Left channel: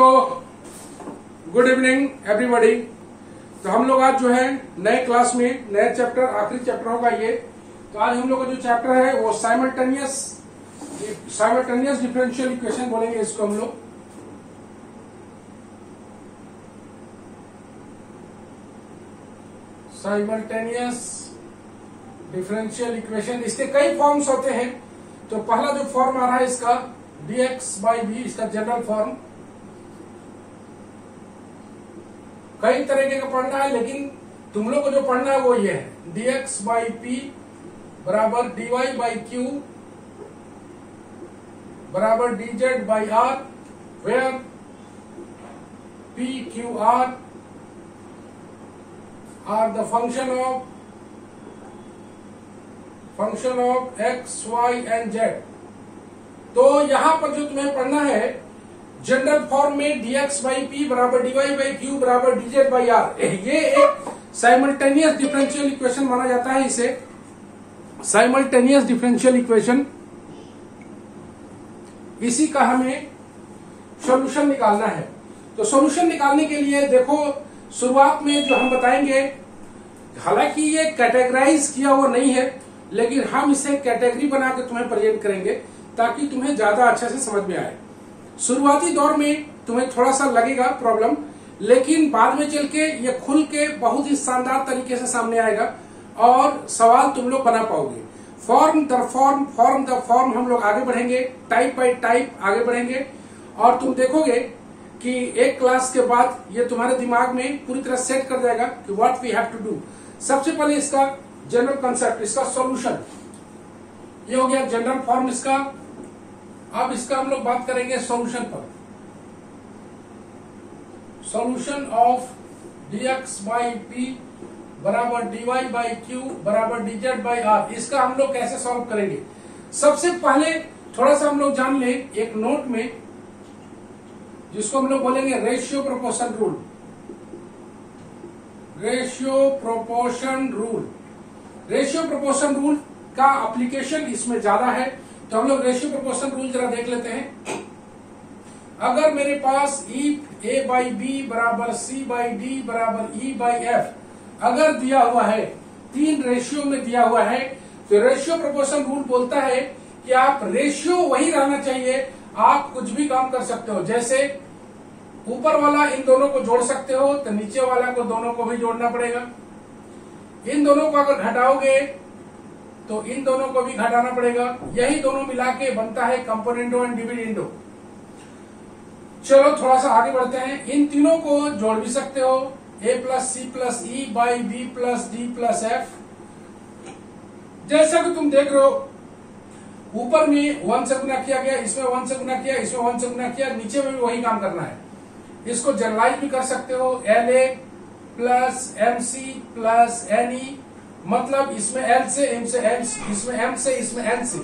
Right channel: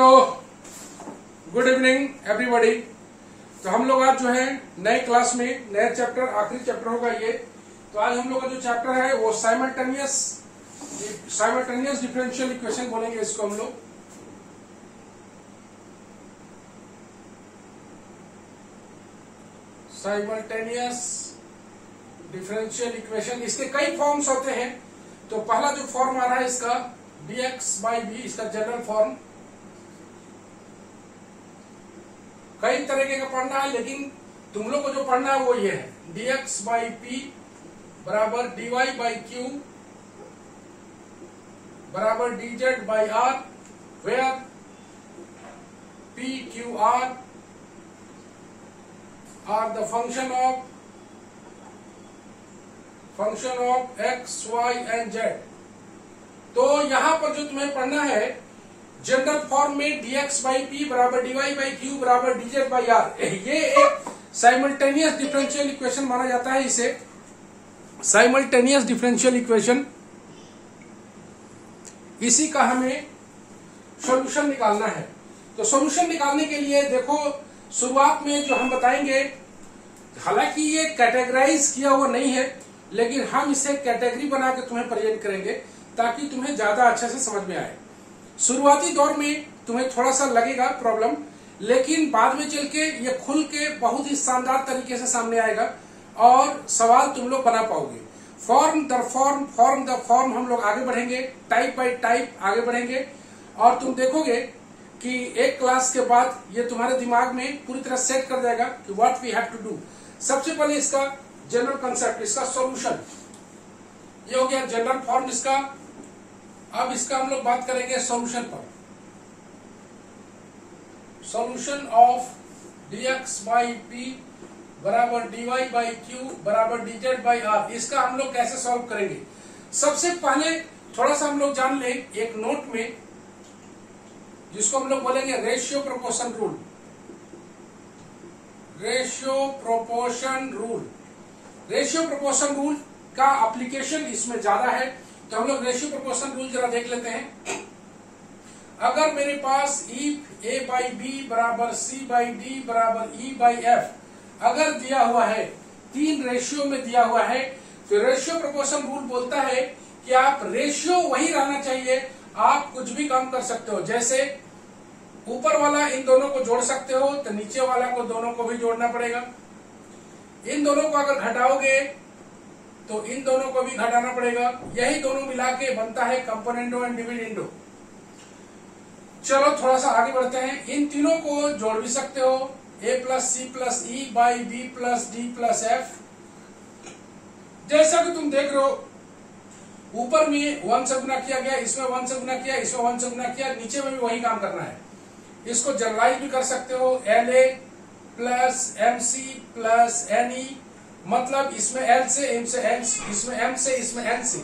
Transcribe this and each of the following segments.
तो good evening everybody. तो हम लोग आज जो है नए क्लास में नए चैप्टर, आखिरी चैप्टर होगा ये। तो आज हम लोग का जो चैप्टर है वो साइमल्टेनियस डिफरेंशियल इक्वेशन बोलेंगे इसको हम लोग। साइमल्टेनियस डिफरेंशियल इक्वेशन, इसके कई फॉर्म्स होते हैं। तो पहला जो फॉर्म आ रहा है इसका dx/b, इसका जनरल फॉर्म। कई तरीके का पढ़ना है, लेकिन तुम लोग को जो पढ़ना है वो ये है, dx/p बराबर dy/q बराबर dz/r, where p, q, r are the function of x, y and z। तो यहां पर जो तुम्हें पढ़ना है जनरल फॉर्म में dx/p बराबर dy/q बराबर dz/r, ये एक साइमल्टेनियस डिफरेंशियल इक्वेशन माना जाता है। इसे साइमल्टेनियस डिफरेंशियल इक्वेशन, इसी का हमें सॉल्यूशन निकालना है। तो सॉल्यूशन निकालने के लिए देखो, शुरुआत में जो हम बताएंगे, हालांकि ये कैटेगराइज किया हुआ नहीं है, लेकिन हम इसे कैटेगरी बना के तुम्हें प्रेजेंट करेंगे ताकि तुम्हें ज्यादा अच्छे से समझ में आए। शुरुआती दौर में तुम्हें थोड़ा सा लगेगा प्रॉब्लम, लेकिन बाद में चल के ये खुल के बहुत ही शानदार तरीके से सामने आएगा और सवाल तुम लोग बना पाओगे। फॉर्म दर फॉर्म हम लोग आगे बढ़ेंगे, टाइप बाय टाइप आगे बढ़ेंगे, और तुम देखोगे कि एक क्लास के बाद ये तुम्हारे दिमाग में पूरी तरह सेट कर जाएगा कि what we have to do. सबसे पहले इसका जनरल कंसेप्ट, इसका सॉल्यूशन, ये हो गया जनरल फॉर्म इसका। अब इसका हम लोग बात करेंगे सॉल्यूशन पर। सॉल्यूशन ऑफ dx/p बराबर dy/q बराबर dz/r, इसका हम लोग कैसे सॉल्व करेंगे। सबसे पहले थोड़ा सा हम लोग जान लें एक नोट में, जिसको हम लोग बोलेंगे ratio proportion rule. Ratio proportion rule का एप्लीकेशन इसमें ज्यादा है। तो हम लोग रेशियो प्रोपोर्शन रूल जरा देख लेते हैं। अगर मेरे पास इफ a/b बराबर c/d बराबर e/f अगर दिया हुआ है, 3 रेशियो में दिया हुआ है, तो रेशियो प्रोपोर्शन रूल बोलता है कि आप रेशियो वही रहना चाहिए, आप कुछ भी काम कर सकते हो। जैसे ऊपर वाला इन दोनों को जोड़ सकते हो, तो नीचे वाला को दोनों को भी जोड़ना पड़ेगा। इन दोनों को अगर घटाओगे तो इन दोनों को भी घटाना पड़ेगा। यही दोनों मिला के बनता है कंपोनेंडो एंड डिविडेंडो। चलो थोड़ा सा आगे बढ़ते हैं। इन तीनों को जोड़ भी सकते हो, a plus C plus E by B plus D plus F. जैसा कि तुम देख रहे हो, ऊपर में 1 से गुना किया गया, इसमें 1 से गुना किया, इसमें 1 से गुना किया, नीचे में भी वही काम करना है। इसको जनरलाइज भी कर सकते हो, LA plus MC plus NE, मतलब इसमें L से M से N, इसमें M से इसमें N से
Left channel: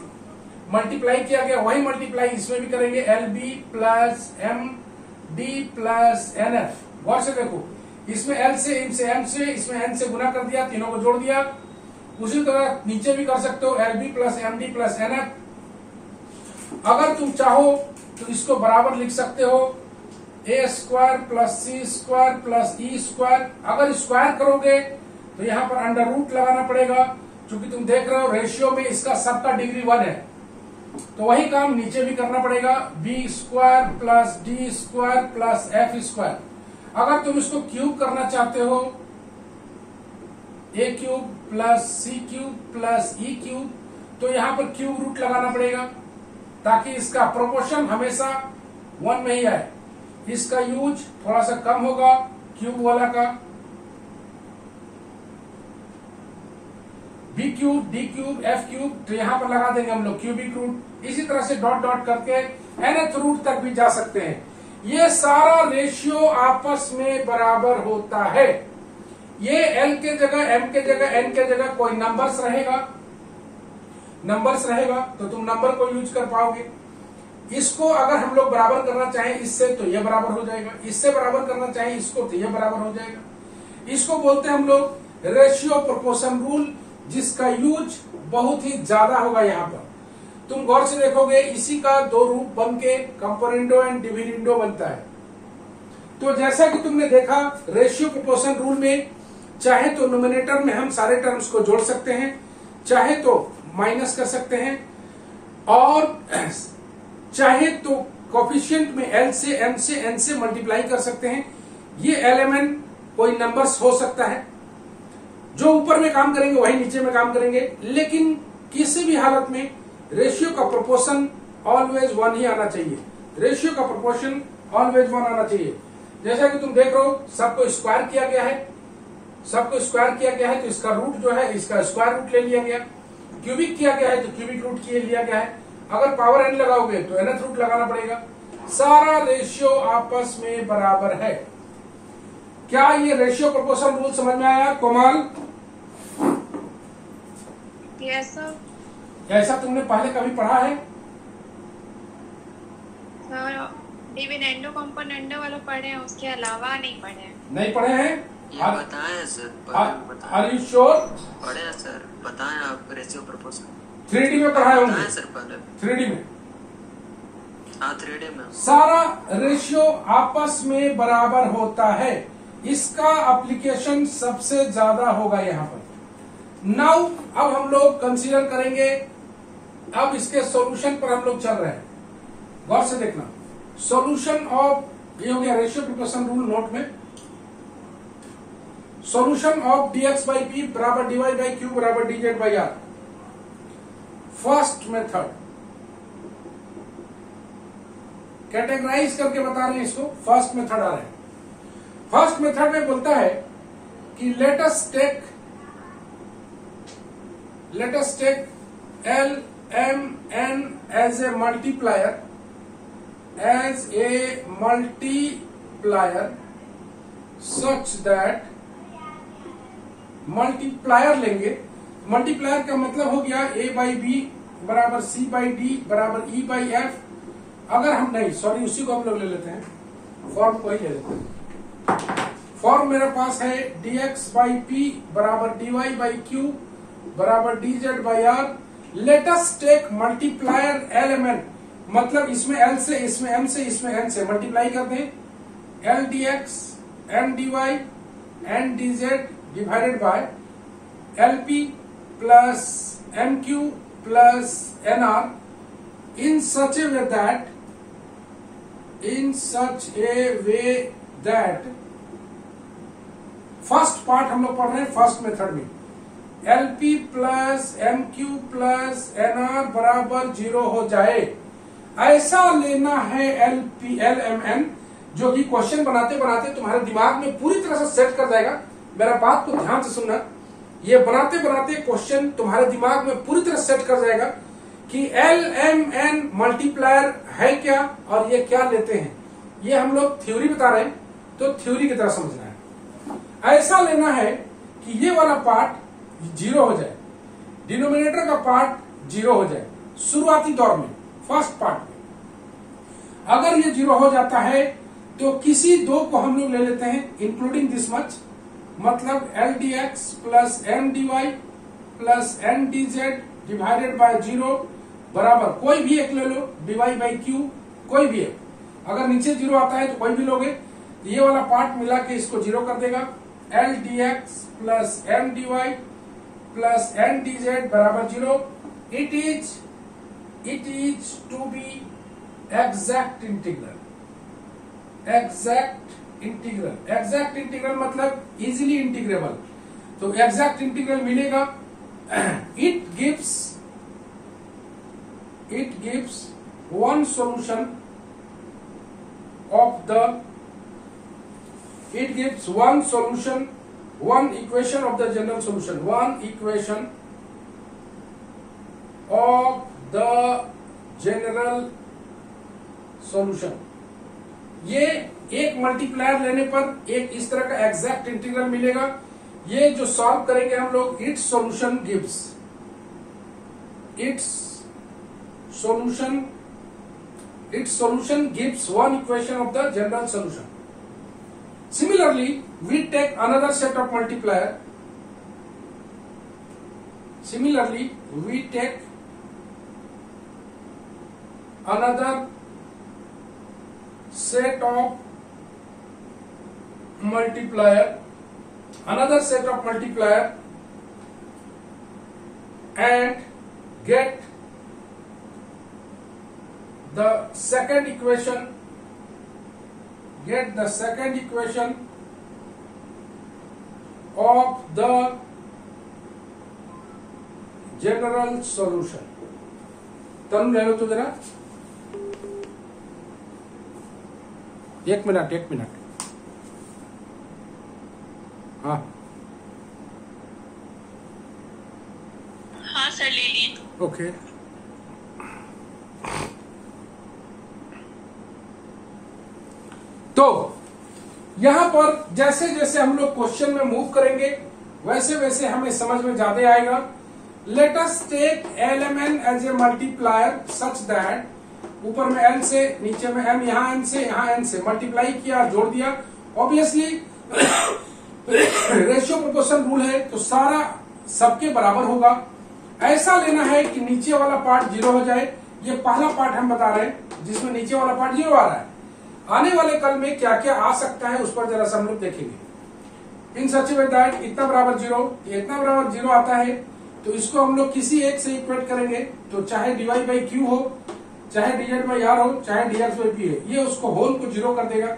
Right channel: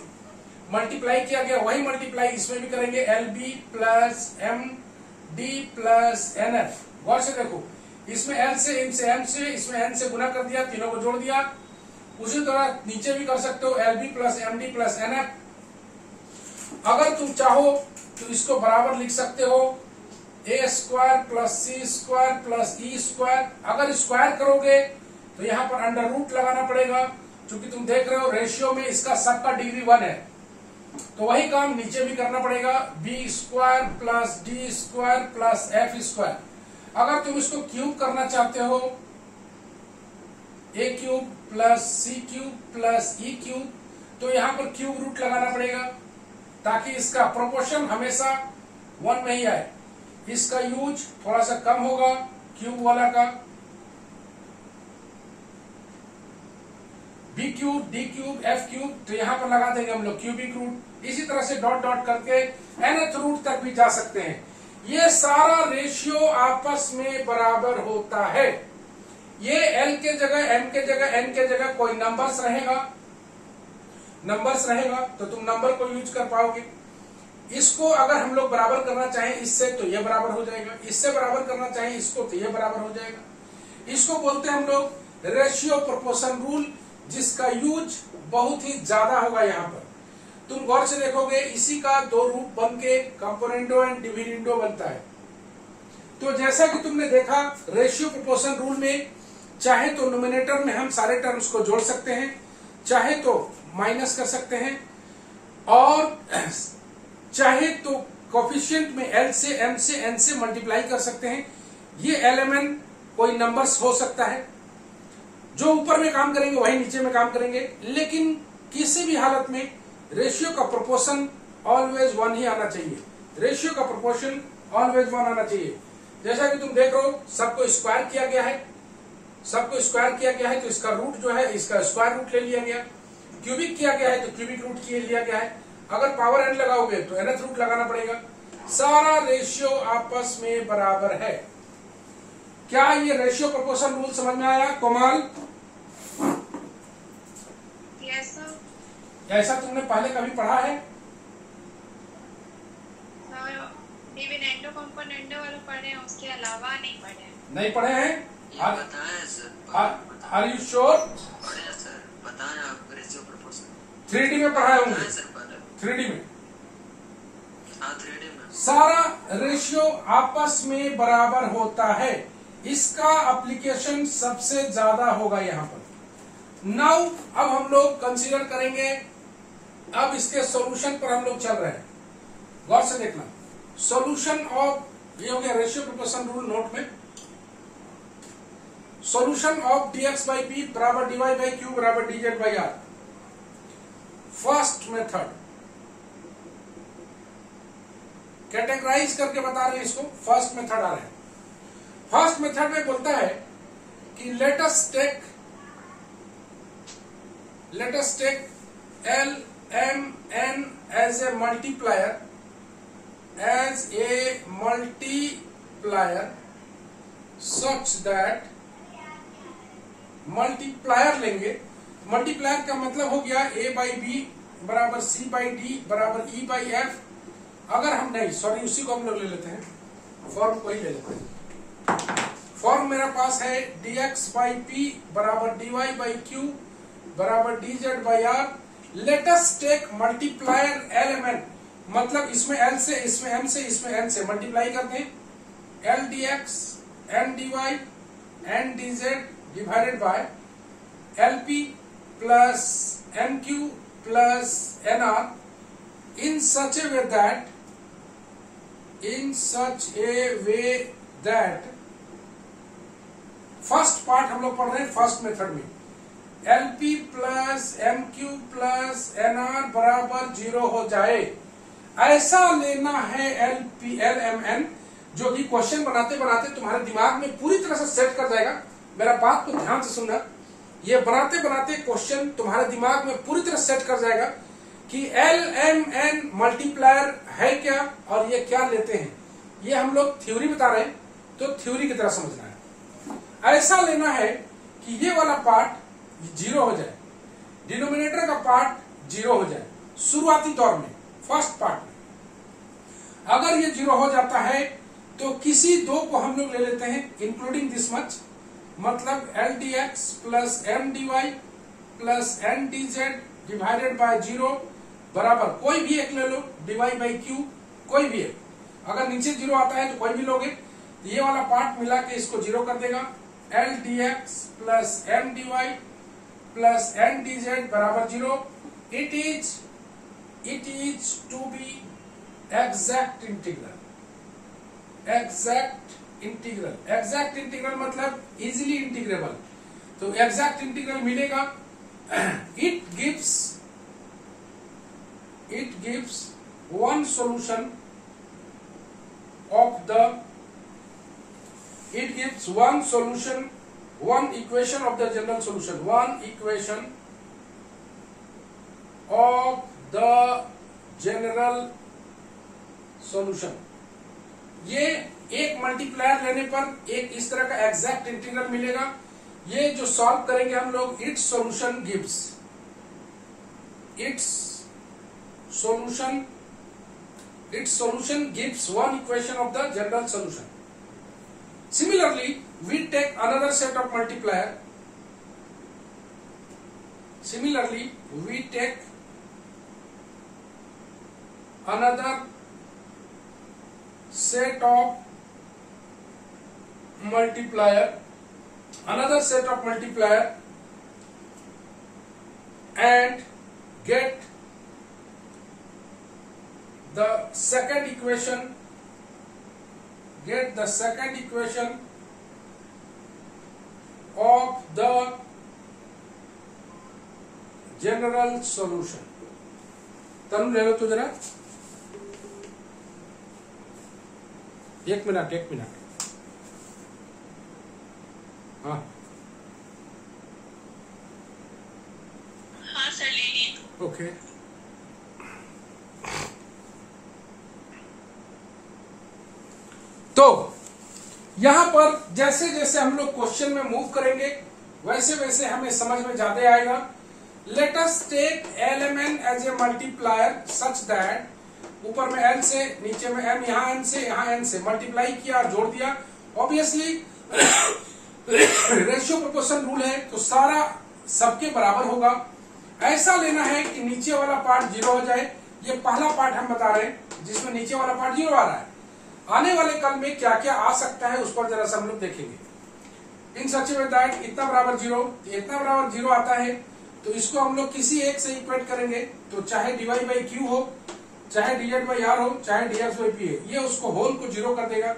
मल्टीप्लाई किया गया, वही मल्टीप्लाई इसमें भी करेंगे, LB plus MD plus NF। गौर से देखो, इसमें L से M से M से, इसमें N से गुना कर दिया, तीनों को जोड़ दिया। उसी तरह नीचे भी कर सकते हो, LB plus MD plus NF। अगर तुम चाहो तो इसको बराबर लिख सकते हो, a² plus c² plus e²। अगर स्क्वायर करोगे तो यहाँ पर अंडर रूट लगाना पड़ेगा, क्योंकि तुम देख रहे हो रेशियो में इसका सबका डिग्री 1 है। तो वही काम नीचे भी करना पड़ेगा, b² plus d² plus f²। अगर तुम इसको क्यूब करना चाहते हो, a³ plus c³ plus e³, तो यहाँ पर क्यूब रूट लगाना पड़ेगा ताकि इसका प्रोपोर्शन हमेशा 1 में ही आए। इसका यूज थोड़ा सा कम होगा क्यूब वाला का। b³ d³ f³, तो यहां पर लगा देंगे हम लोग क्यूबिक रूट। इसी तरह से डॉट डॉट करके nth रूट तक भी जा सकते हैं। ये सारा रेशियो आपस में बराबर होता है। ये L के जगह, M के जगह, N के जगह कोई नंबर्स रहेगा तो तुम नंबर को यूज कर पाओगे। इसको अगर हम लोग बराबर करना चाहें इससे, तो ये बराबर हो जाएगा। इससे बराबर करना चाहें इसको, तो ये बराबर हो जाएगा। इसको बोलते हैं हम लोग रेशियो प्रोपोर्शन रूल, जिसका यूज बहुत ही ज्यादा होगा यहाँ पर। तुम गौर से देखोगे, इसी का 2 रूप बन के कंपोनेंडो एंड डिविडेंडो बनता है। तो जैसा कि तुमने देखा रेशियो प्रोपोर्शन रूल में चाहे तो नोमिनेटर में हम सारे टर्म्स को जोड़ सकते हैं, चाहे तो माइनस कर सकते हैं, और चाहे तो कोफिशिएंट में एल से एम से एन से मल्टीप्लाई कर सकते हैं। ये एलएमएन कोई नंबर्स हो सकता है, जो ऊपर में काम करेंगे वही नीचे में काम करेंगे, लेकिन किसी भी हालत में रेशियो का प्रोपोर्शन ऑलवेज 1 ही आना चाहिए। रेशियो का प्रोपोर्शन ऑलवेज 1 आना चाहिए। जैसा कि तुम देख रहे हो सबको स्क्वायर किया गया है, सबको स्क्वायर किया गया है, तो इसका रूट जो है इसका स्क्वायर रूट ले लिया गया। क्यूबिक किया गया है तो क्यूबिक रूट लिया गया है। अगर पावर एन लगाओगे तो nth रूट लगाना पड़ेगा। सारा रेशियो आपस में बराबर है। क्या ये रेशियो प्रोपोर्शन रूल समझ में आया कोमल? Yes sir. ऐसा तुमने पहले कभी पढ़ा है? डिविडेंडो कंपोनेंडो वाले पढ़े हैं, उसके अलावा नहीं पढ़े हैं। नहीं पढ़े हैं? बताएं सर। Are you sure? पढ़े हैं सर, बताएं आप रेशियो प्रोपोर्शन। 3D में पढ़ाए होंगे? सर पहले 3D में। हाँ 3D में। सारा रेशियो आपस में बराबर होता है, इसका एप्लीकेशन सबसे ज्यादा होगा यहाँ पर। नाउ अब हम लोग कंसीडर करेंगे, अब इसके सॉल्यूशन पर हम लोग चल रहे हैं। गौर से देखना, सॉल्यूशन ऑफ, ये हो गया रेशियो प्रोपोर्शन रूल नोट में। Solution of dx by P बराबर dy बाई क्यू बराबर dz by R. First method categorise करके बता रहे हैं इसको, फर्स्ट मेथड आ रहा है। फर्स्ट मेथड में बोलता है कि let us take L M N as a multiplier, such that multiplier लेंगे। मल्टीप्लायर का मतलब हो गया a बाई बी बराबर c बाई डी बराबर e बाई एफ। अगर हम नहीं, सॉरी, उसी को हम लोग ले लेते हैं, फॉर्म को ही ले लेते हैं। फॉर्म मेरे पास है dx बाई पी बराबर dy बाई क्यू बराबर dz by R. Let us take multiplier element, मतलब इसमें l से, इसमें m से, इसमें n से मल्टीप्लाई कर दें। l dx n dy n dz divided by LP plus NQ plus NR in such a way that first part हम लोग पढ़ रहे हैं फर्स्ट मेथड में, LP plus MQ plus NR बराबर 0 हो जाए, ऐसा लेना है LMN, जो कि क्वेश्चन बनाते बनाते तुम्हारे दिमाग में पूरी तरह से सेट कर जाएगा। मेरा बात को ध्यान से सुनना, ये बनाते बनाते क्वेश्चन तुम्हारे दिमाग में पूरी तरह सेट कर जाएगा कि LMN मल्टीप्लायर है क्या और ये क्या लेते हैं। ये हम लोग थ्योरी बता रहे हैं, तो थ्योरी की तरह समझना है। ऐसा लेना है कि ये वाला पार्ट 0 हो जाए, डिनोमिनेटर का पार्ट 0 हो जाए शुरुआती दौर में, फर्स्ट पार्ट में। अगर ये 0 हो जाता है तो किसी दो को हम लोग ले लेते हैं इंक्लूडिंग दिस मच, मतलब LDX plus MDY plus NDZ divided by 0 बराबर कोई भी एक ले लो, dy बाई क्यू कोई भी एक। अगर नीचे 0 आता है तो कोई भी लोगे, ये वाला पार्ट मिला के इसको 0 कर देगा। LDX plus MDY plus NDZ बराबर 0। It is to be exact integral. Exact integral मतलब इजीली इंटीग्रेबल, तो एग्जैक्ट इंटीग्रल मिलेगा। It gives one solution of the, it gives one solution, one equation of the general solution, one equation of the general solution। ये एक multiplier लेने पर एक इस तरह का एग्जैक्ट इंटीग्रल मिलेगा। ये जो सॉल्व करेंगे हम लोग, it's solution gives one equation of the general solution. Similarly, we take another set of multiplier. Similarly, we take another set of multiplier, another set of multiplier, and get the second equation, of the general solution. तरुण ले लो तो जरा, एक minute. हाँ हाँ sir, ले ली। Okay. तो यहां पर जैसे जैसे हम लोग क्वेश्चन में मूव करेंगे वैसे वैसे हमें समझ में ज्यादा आएगा। Let us take LMN as a multiplier such that ऊपर में n से, नीचे में m, यहां n से, यहां n से मल्टीप्लाई किया और जोड़ दिया। ऑब्वियसली रेशियो प्रोपोर्शन रूल है तो सारा सबके बराबर होगा। ऐसा लेना है कि नीचे वाला पार्ट 0 हो जाए। ये पहला पार्ट हम बता रहे हैं जिसमें नीचे वाला पार्ट 0 आ रहा है। आने वाले कल में क्या क्या आ सकता है उस पर जरा सा हम लोग देखेंगे। इन सच में दैट इतना बराबर 0, इतना बराबर 0 आता है तो इसको हम लोग किसी एक से इक्वेट करेंगे। तो चाहे dy बाई क्यू हो, चाहे dz बाई आर हो, चाहे dx बाई पी है, ये उसको होल को 0 कर देगा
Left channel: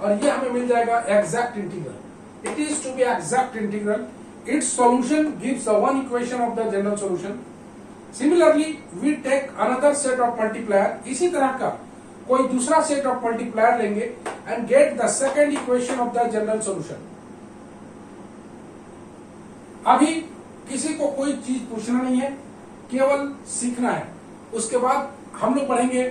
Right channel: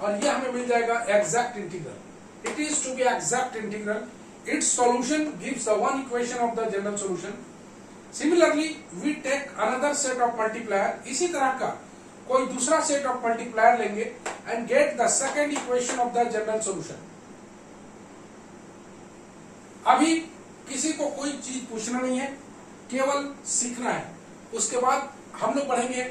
और ये हमें मिल जाएगा exact integral. It is to be exact integral. It's solution gives the one equation of the general solution. Similarly we take another set of multiplier, इसी तरह का कोई दूसरा सेट ऑफ मल्टीप्लायर लेंगे and get the second equation of the general solution. अभी किसी को कोई चीज पूछना नहीं है, केवल सीखना है। उसके बाद हम लोग पढ़ेंगे,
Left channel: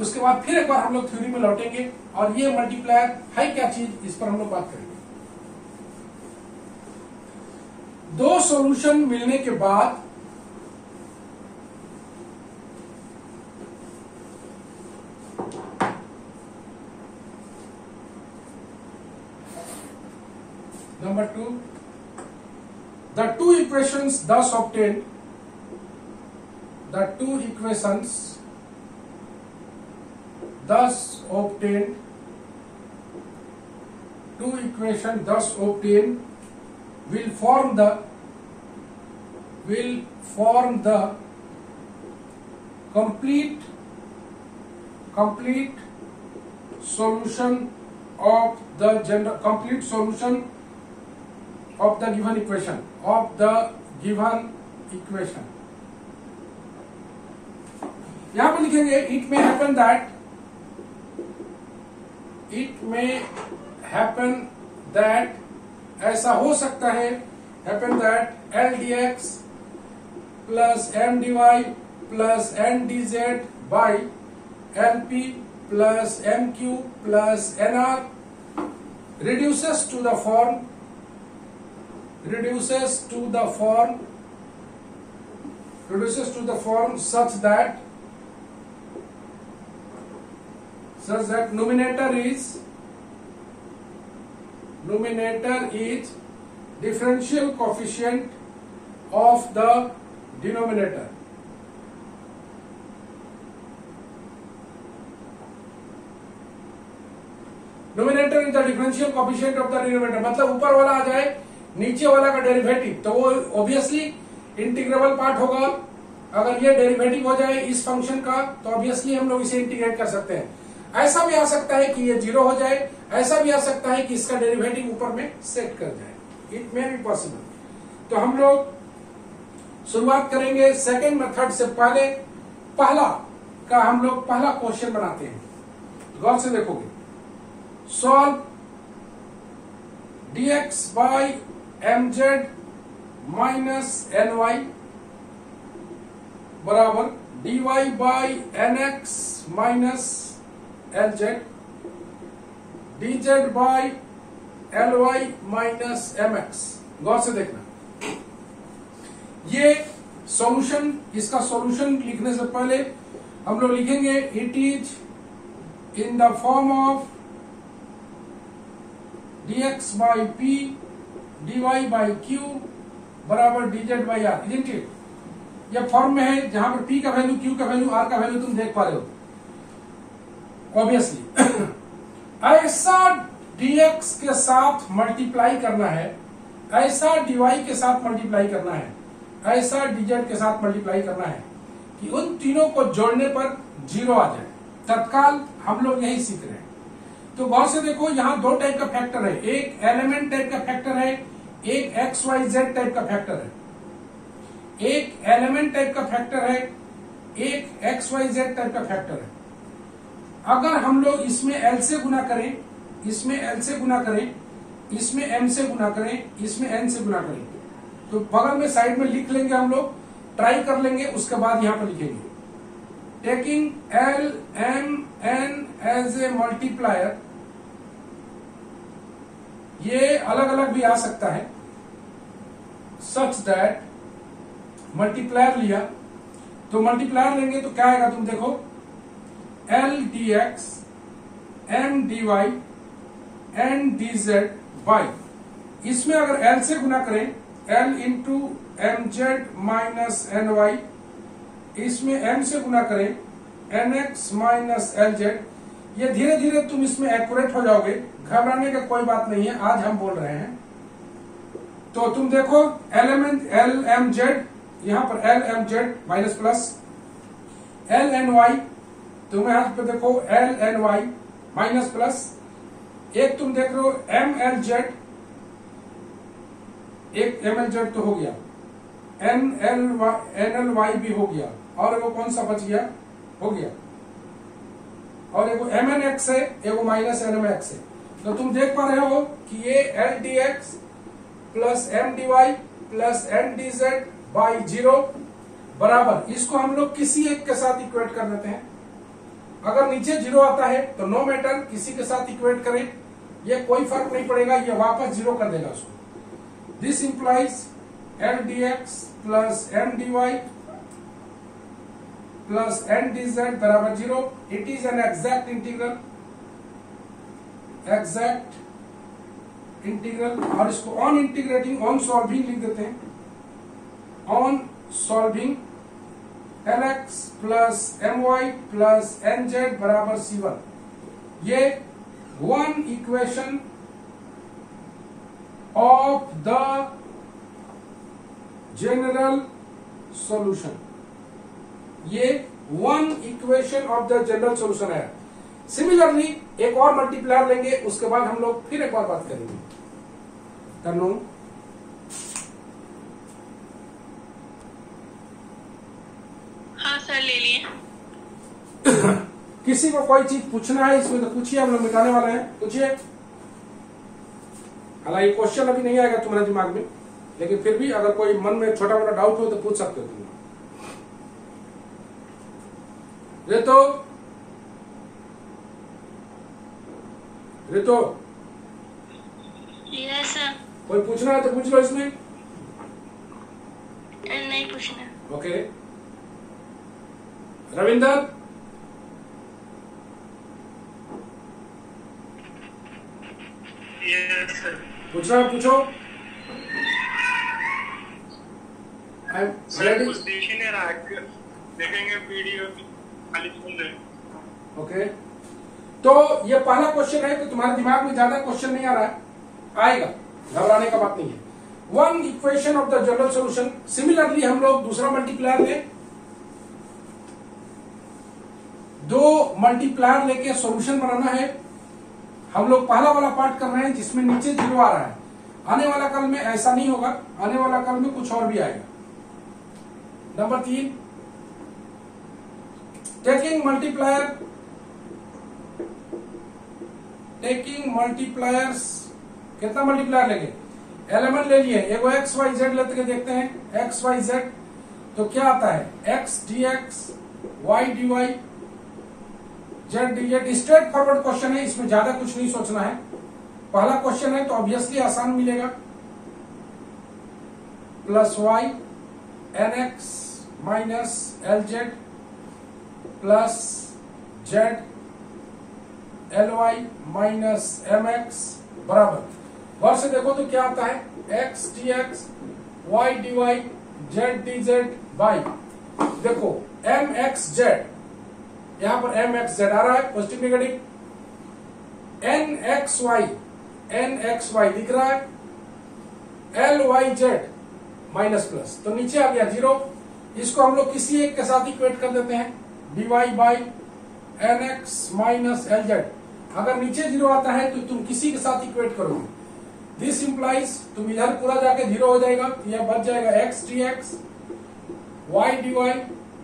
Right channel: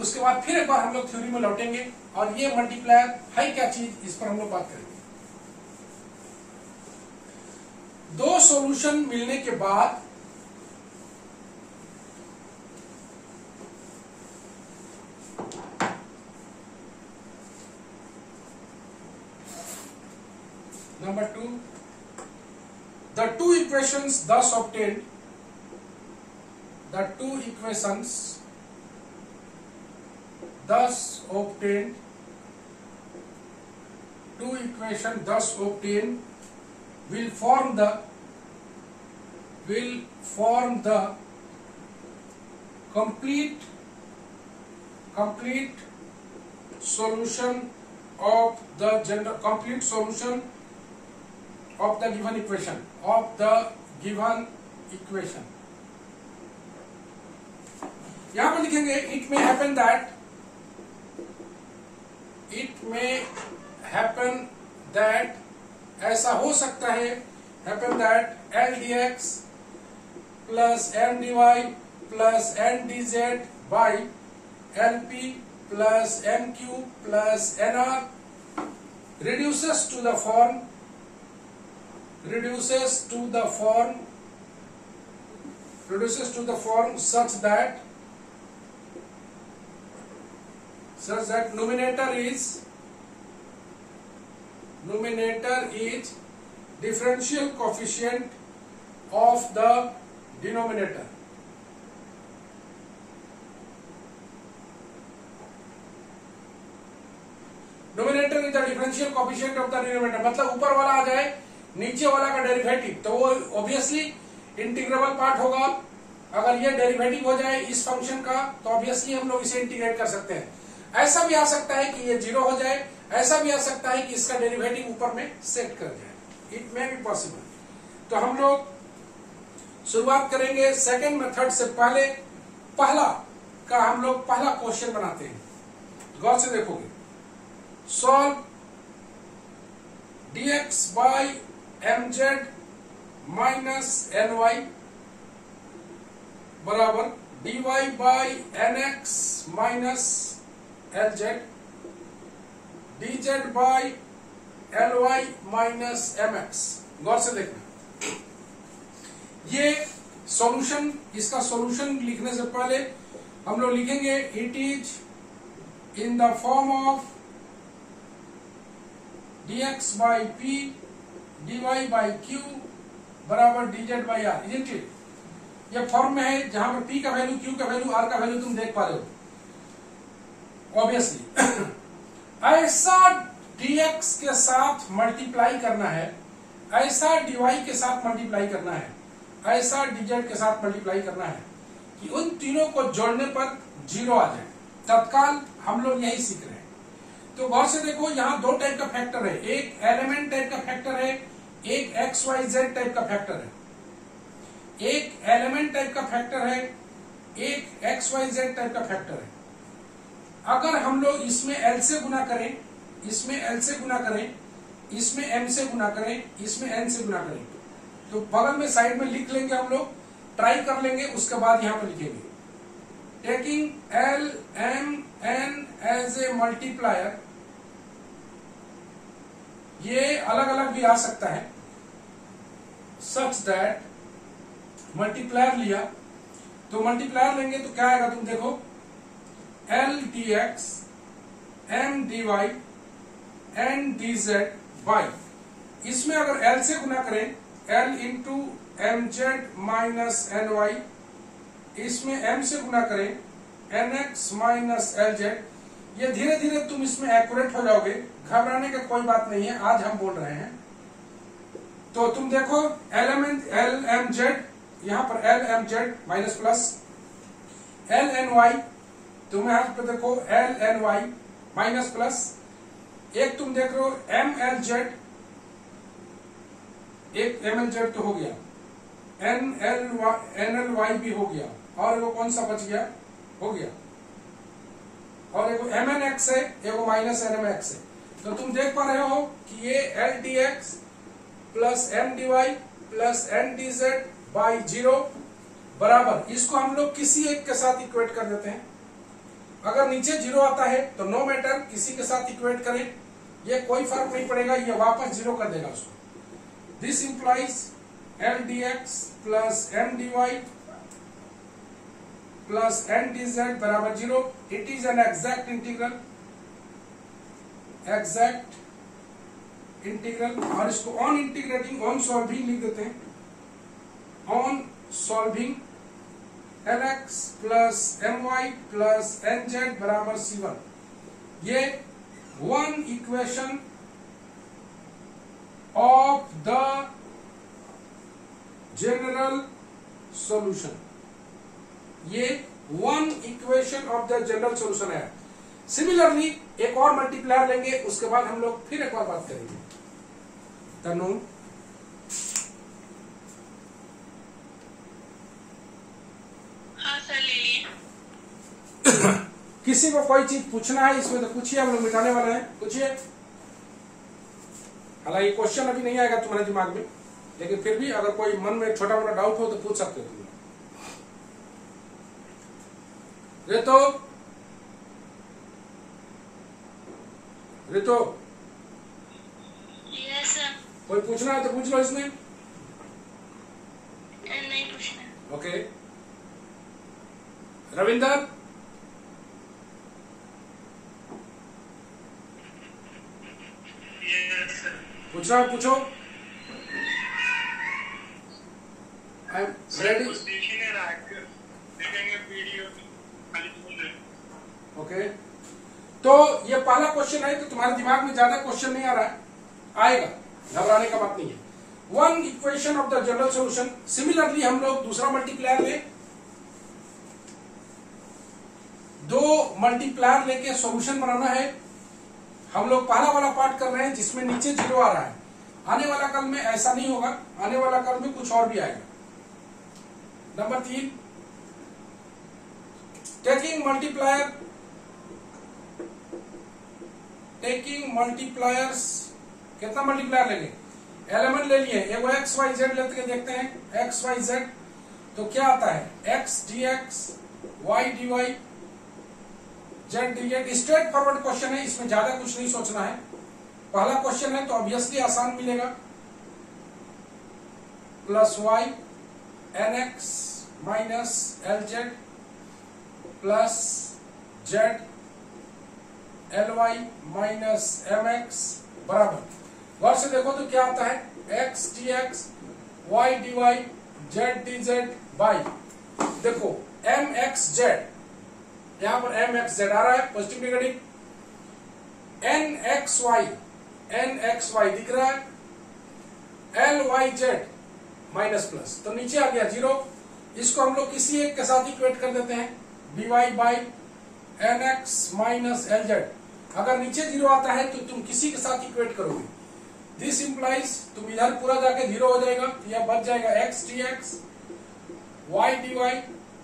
उसके बाद फिर एक बार हम लोग थ्योरी में लौटेंगे और ये मल्टीप्लायर है क्या चीज, इस पर हम लोग बात करेंगे। दो सॉल्यूशन मिलने के बाद Number 2, the two equations thus obtained, will form the complete solution of the given equation, यहां पर लिखेंगे it may happen that ऐसा हो सकता है happen that L dx plus M dy plus N dz by LP plus MQ plus NR reduces to the form such that numerator is differential coefficient of the denominator. Numerator is the differential coefficient of the denominator, मतलब ऊपर वाला आ जाए नीचे वाला का derivative, तो वो obviously integrable part होगा। अगर ये डेरिवेटिव हो जाए इस फंक्शन का तो ऑब्वियसली हम लोग इसे इंटीग्रेट कर सकते हैं। ऐसा भी आ सकता है कि ये 0 हो जाए, ऐसा भी आ सकता है कि इसका डेरिवेटिव ऊपर में सेट कर जाए। It may be possible. तो हम लोग शुरुआत करेंगे सेकेंड मेथड से। पहले हम लोग पहला क्वेश्चन बनाते हैं, गौर से देखोगे। Solve dx by mz minus ny बराबर dy by nx minus lz, dz by ly minus mx। गौर से देखना, ये सॉल्यूशन, इसका सॉल्यूशन लिखने से पहले हम लोग लिखेंगे it is in the form of dx by p dy by q बराबर dz by r, isn't it? ये फॉर्म में है जहां पर p का वैल्यू, q का वैल्यू, r का वैल्यू तुम देख पा रहे हो ऑब्वियसली। ऐसा dx के साथ मल्टीप्लाई करना है, ऐसा dy के साथ मल्टीप्लाई करना है, ऐसा dz के साथ मल्टीप्लाई करना है कि उन तीनों को जोड़ने पर 0 आ जाए। तत्काल हम लोग यही सीख रहे हैं। तो गौर से देखो, यहाँ दो टाइप का फैक्टर है, एक एलिमेंट टाइप का फैक्टर है, एक XYZ टाइप का फैक्टर है। एक एलिमेंट टाइप का फैक्टर है, एक XYZ टाइप का फैक्टर है। अगर हम लोग इसमें L से गुना करें, इसमें L से गुना करें, इसमें M से गुना करें, इसमें N से गुना करें, तो बगल में साइड में लिख लेंगे, हम लोग ट्राई कर लेंगे, उसके बाद यहां पर लिखेंगे taking L M N as a multiplier. ये अलग अलग भी आ सकता है, सच दैट मल्टीप्लायर लिया तो मल्टीप्लायर लेंगे तो क्या आएगा, तुम देखो L dx M dy N dz y। इसमें अगर L से गुना करें L into mz minus ny, इसमें M से गुना करें nx माइनस lz। ये धीरे धीरे तुम इसमें एक्यूरेट हो जाओगे, घबराने का कोई बात नहीं है, आज हम बोल रहे हैं। तो तुम देखो एलिमेंट L M Z, यहां पर L M Z minus plus L N Y, तुम्हें हाथ पे देखो L N Y minus plus, एक तुम देख रहे हो M L Z, एक M L Z तो हो गया, N L Y भी हो गया, और वो कौन सा बच गया, हो गया, और एक M N X है, एक माइनस N M X है। तो तुम देख पा रहे हो कि ये L dx plus M dy plus N dz by 0 बराबर, इसको हम लोग किसी एक के साथ इक्वेट कर देते हैं। अगर नीचे 0 आता है तो नो मैटर, किसी के साथ इक्वेट करें, ये कोई फर्क नहीं पड़ेगा, ये वापस 0 कर देगा उसको। This implies L dx plus M dy plus N dz बराबर 0। It is an exact integral, exact integral. और इसको ऑन इंटीग्रेटिंग, ऑन सॉल्विंग लिख देते हैं, on solving Lx plus My plus Nz बराबर C1। ये one equation of the general solution, ये one equation of the general solution है। Similarly एक और मल्टीप्लायर लेंगे, उसके बाद हम लोग फिर एक और बात करेंगे। तनु हाँ सर, ले लिए। किसी को कोई चीज पूछना है इसमें तो पूछिए, हम लोग मिटाने वाले हैं, पूछिए। हालांकि क्वेश्चन अभी नहीं आएगा तुम्हारे दिमाग में, लेकिन फिर भी अगर कोई मन में छोटा मोटा डाउट हो तो पूछ सकते हो तुम। रितो, रितो, यस सर। कोई पूछना है तो पूछ लो इसमें। नहीं पूछना। ओके, रविंदर, पूछना है पूछो। I am ready. देखेंगे वीडियो खाली सुन रहे। ओके, तो ये पहला क्वेश्चन है, तो तुम्हारे दिमाग में ज्यादा क्वेश्चन नहीं आ रहा है, आएगा, घबराने का बात नहीं है। One equation of the general solution. Similarly हम लोग दूसरा मल्टीप्लायर ले, दो मल्टीप्लायर लेके सॉल्यूशन बनाना है। हम लोग पहला वाला पार्ट कर रहे हैं जिसमें नीचे 0 आ रहा है। आने वाला कल में ऐसा नहीं होगा, आने वाला कल में कुछ और भी आएगा। Number 3, taking multipliers. कितना मल्टीप्लायर लेंगे, एलिमेंट ले लिए, एक एक्स वाई जेड लेते देखते हैं, एक्स वाई जेड तो क्या आता है, X D X Y D Y Z D Z. Straightforward question है, इसमें ज्यादा कुछ नहीं सोचना है। पहला क्वेश्चन है तो ऑब्वियसली आसान मिलेगा, plus Y N X minus L Z plus Z L Y minus M X बराबर, गौर से देखो तो क्या आता है, X D X Y D Y Z D Z by, देखो एम एक्स जेड, यहां पर एम एक्स जेड आ रहा है, पॉजिटिव नेगेटिव, NXY दिख रहा है, LYZ माइनस प्लस, तो नीचे आ गया 0। इसको हम लोग किसी एक के साथ इक्वेट कर देते हैं, dy by NX minus LZ। अगर नीचे 0 आता है तो तुम किसी के साथ इक्वेट करोगे, दिस इंप्लाइज तुम इधर पूरा जाके 0 हो जाएगा, तो यह बच जाएगा x dx, y dy,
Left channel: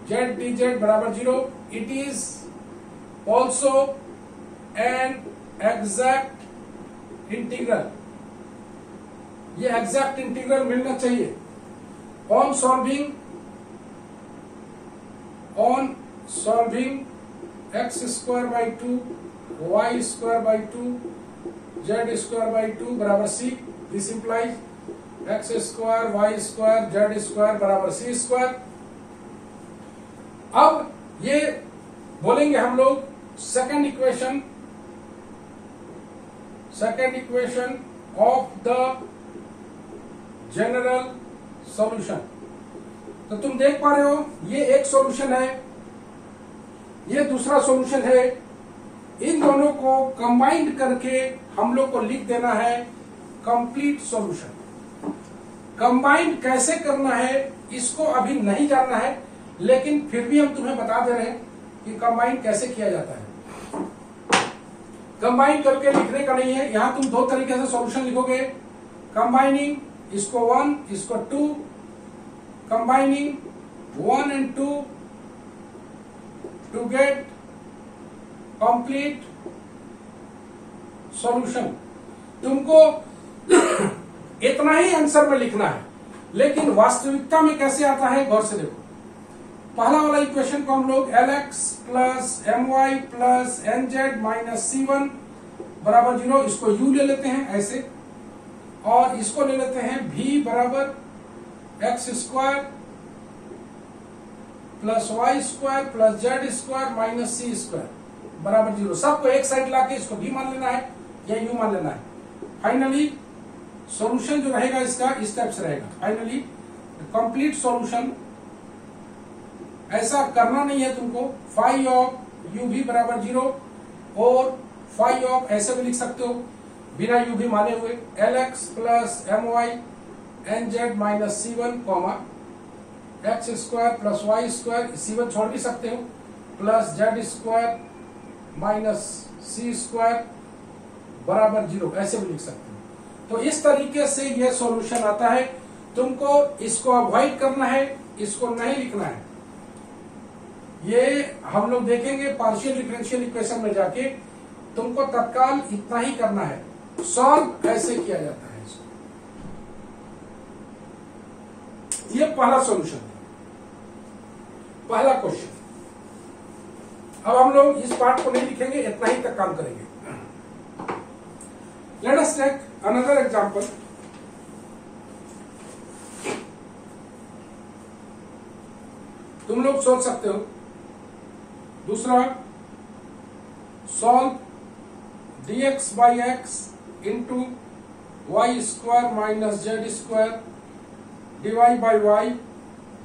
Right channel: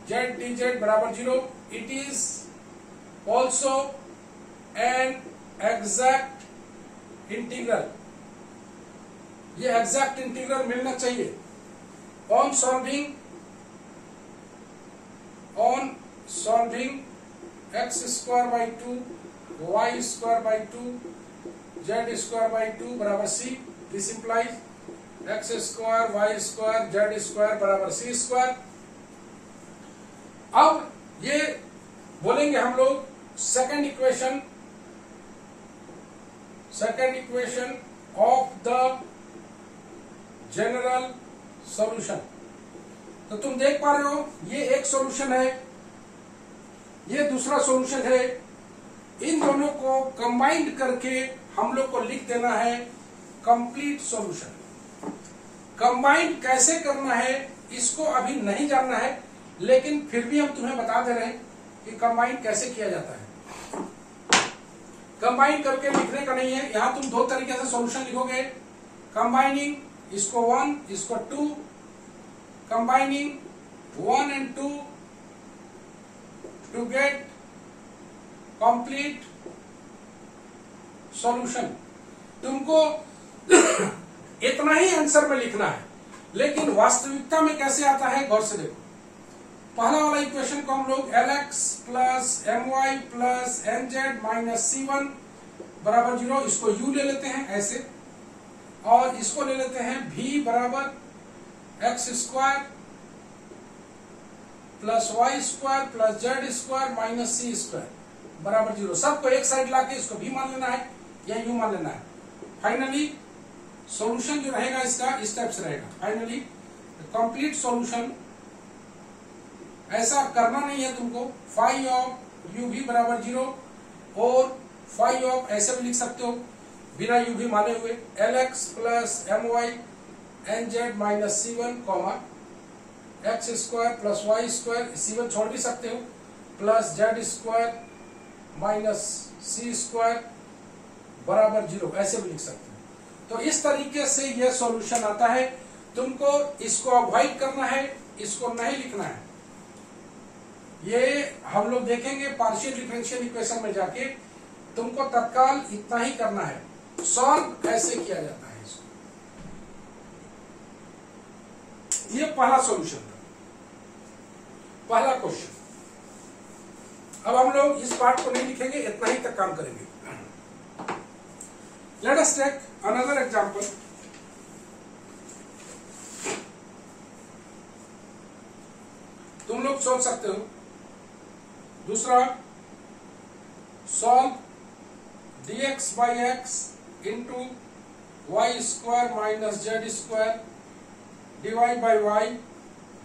z dz बराबर 0। It is also an exact integral, ये एग्जैक्ट इंटीग्रल मिलना चाहिए। On solving x square by 2 y square by 2 z square by 2 बराबर c, this implies x square y square z square बराबर c square. अब ये बोलेंगे हम लोग second equation of the general solution. तो तुम देख पा रहे हो, ये एक सॉल्यूशन है, ये दूसरा सॉल्यूशन है। इन दोनों को कंबाइंड करके हम लोग को लिख देना है कंप्लीट सॉल्यूशन। कंबाइंड कैसे करना है इसको अभी नहीं जानना है, लेकिन फिर भी हम तुम्हें बता दे रहे हैं कि कंबाइंड कैसे किया जाता है। कंबाइन करके लिखने का नहीं है, यहां तुम दो तरीके से सॉल्यूशन लिखोगे, कंबाइनिंग इसको 1 इसको 2, combining 1 and 2 to get complete solution। तुमको इतना ही आंसर में लिखना है, लेकिन वास्तविकता में कैसे आता है गौर से देखो। पहला वाला इक्वेशन को हम लोग LX plus MY plus NZ minus C1 बराबर 0, इसको U ले लेते हैं ऐसे, और इसको ले लेते हैं V बराबर x square plus y square plus z square minus c square बराबर 0। सबको एक साइड लाके इसको V मान लेना है या U मान लेना है। फाइनली सॉल्यूशन जो रहेगा इसका इस टाइप से रहेगा। फाइनली कंप्लीट सॉल्यूशन, ऐसा करना नहीं है तुमको। फाई ऑफ यू भी बराबर 0 और फाई ऑफ ऐसे भी लिख सकते हो बिना यू भी माने हुए, LX plus MY NZ minus C1 comma x square plus y square, C1 छोड़ भी सकते हो, plus z square minus c square बराबर 0, ऐसे भी लिख सकते हो। तो इस तरीके से यह सॉल्यूशन आता है। तुमको इसको अवॉइड करना है, इसको नहीं लिखना है। ये हम लोग देखेंगे पार्शियल डिफरेंशियल इक्वेशन में जाके, तुमको तत्काल इतना ही करना है। सॉल्व ऐसे किया जाता है इसको। ये पहला सॉल्यूशन था, पहला क्वेश्चन। अब हम लोग इस पार्ट को नहीं लिखेंगे, इतना ही तक काम करेंगे। Let us take another example. तुम लोग सोच सकते हो दूसरा, solve dx by X into Y square minus Z square dy by Y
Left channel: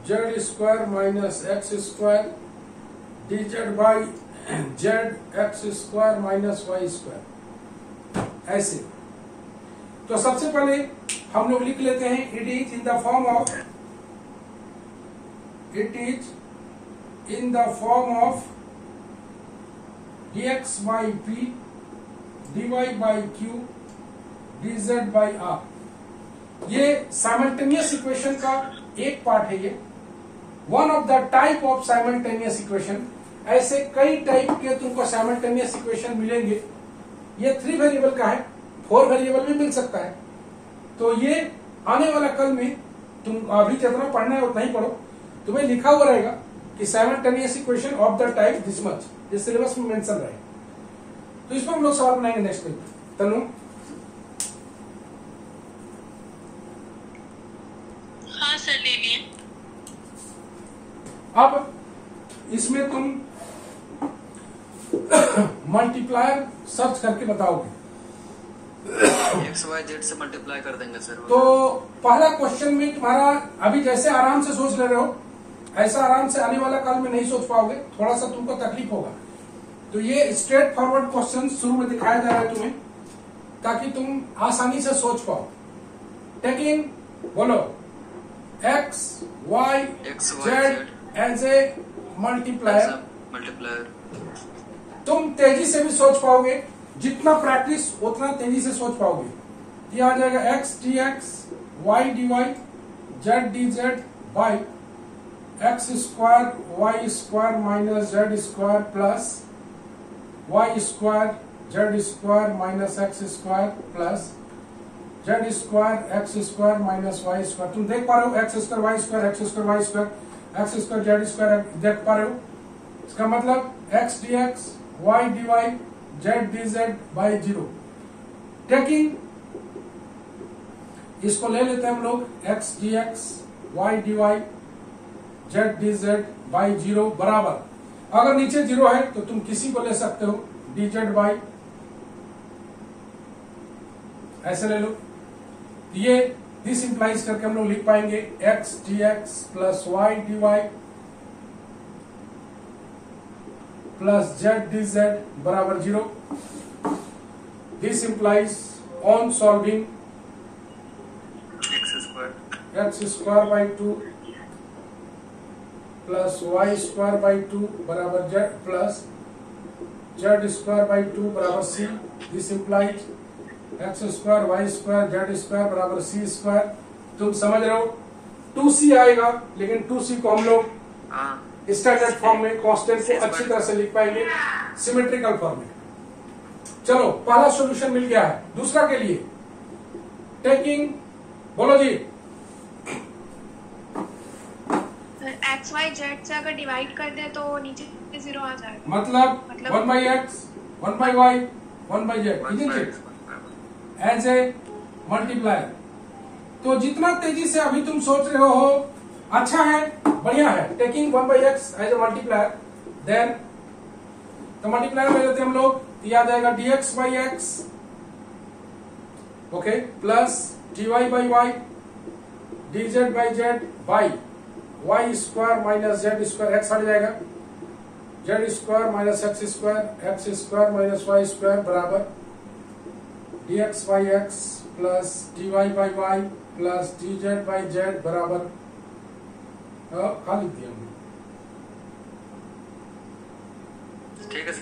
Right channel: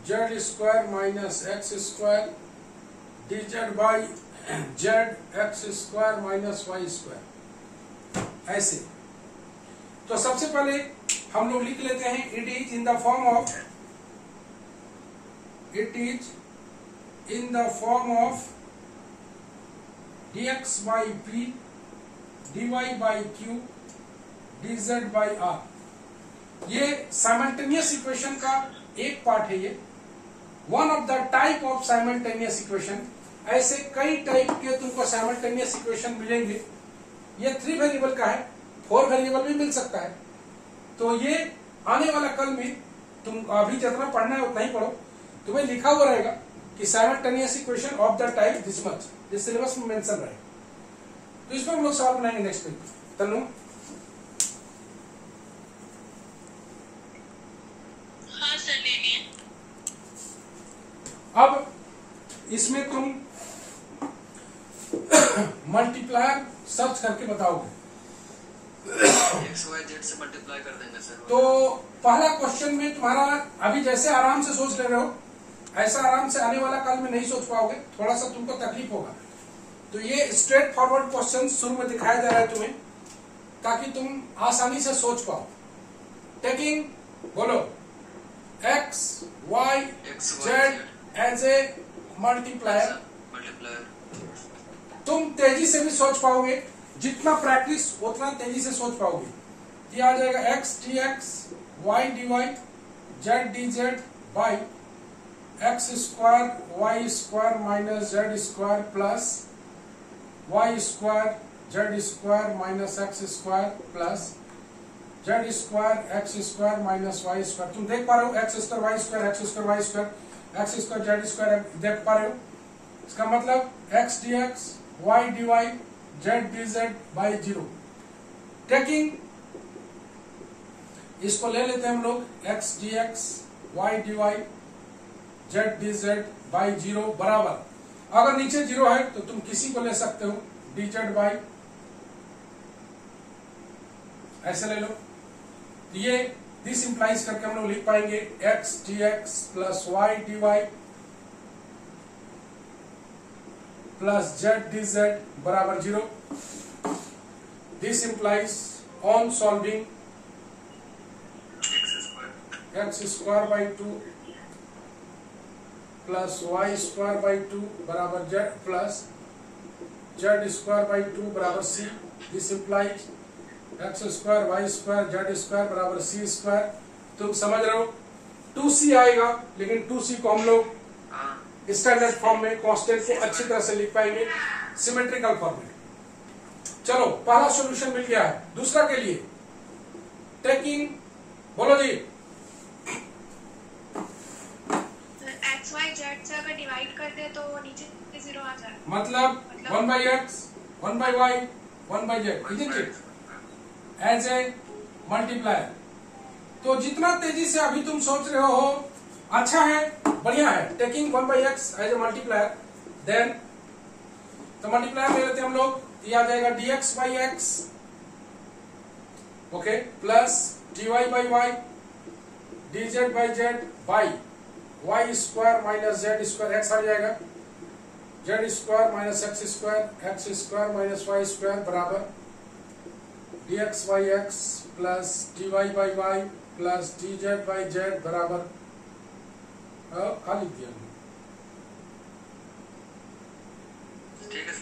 Z square minus X square dz by Z X square minus Y square, ऐसे। तो सबसे पहले हम लोग लिख लेते हैं, it is in the form of dx by p dy by q dz by r। ये साइमल्टेनियस इक्वेशन का एक पार्ट है। ये one of the type of simultaneous equation. ऐसे कई टाइप के तुमको साइमल्टेनियस इक्वेशन मिलेंगे। ये 3 वेरिएबल का है, 4 वेरिएबल भी मिल सकता है। तो ये आने वाला कल में तुम अभी जितना पढ़ना है उतना ही पढ़ो, तुम्हें लिखा हुआ रहेगा कि simultaneous equation of the type this much, ये सिलेबस में मेंशन रहेगा। तो इसमें हम लोग सवाल बनाएंगे नेक्स्ट वीक। तनु, हाँ सर ले लिए। अब इसमें तुम मल्टीप्लायर सर्च करके बताओगे। एक्स वाई जेड से मल्टीप्लाई कर देंगे सर। तो पहला क्वेश्चन में तुम्हारा अभी जैसे आराम से सोच ले रहे हो, ऐसा आराम से आने वाला कल में नहीं सोच पाओगे, थोड़ा सा तुमको तकलीफ होगा। तो ये स्ट्रेट फॉरवर्ड क्वेश्चन शुरू में दिखाया जा रहा है तुम्हें, ताकि तुम आसानी से सोच पाओ। टेकिंग बोलो x y z as a multiplier, तुम तेजी से भी सोच पाओगे, जितना प्रैक्टिस उतना तेजी से सोच पाओगे। ये आ जाएगा x dx y dy z dz by X square Y square minus Z square plus Y square Z square minus X square plus Z square X square minus Y square. तुम देख पा रहे हो X square Y square, X square Y square, X square Z square देख पा रहे हो। इसका मतलब X D X Y D Y Z D Z by 0। Taking इसको ले लेते हैं हम लोग x D X Y D Y Z D Z by 0 बराबर, अगर नीचे 0 है तो तुम किसी को ले सकते हो डी जेड बाई, ऐसे ले लो। ये दिस इंप्लाइज करके हम लोग लिख पाएंगे x D x plus y D y plus z D z बराबर 0। This implies on solving x square by 2 plus Y square by 2 बराबर z plus Z square by 2 बराबर c. This implies x square Y square Z square बराबर c square. तुम समझ रहे हो 2c आएगा, लेकिन 2c को हम लोग स्टैंडर्ड फॉर्म में कांस्टेंट को अच्छी तरह से लिख पाएंगे सिमेट्रिकल फॉर्म में। चलो पहला सॉल्यूशन मिल गया है। दूसरा के लिए टेकिंग बोलो जी एक्स वाई जेड से अगर डिवाइड कर दे तो नीचे 0 आ जाएगा। मतलब 1 by X 1 by Y 1 by Z as a multiplier. तो जितना तेजी से अभी तुम सोच रहे हो अच्छा है, बढ़िया है। Taking 1 by X as a multiplier, then तो मल्टीप्लायर ले लेते हैं हम लोग, यह आ जाएगा dx by X okay plus dy by Y dz by Z by Y square minus Z square, X हट जाएगा, Z square minus X square minus Y square बराबर dx by X plus dy by Y plus dz by Z बराबर लिख दिया हमने ठीक है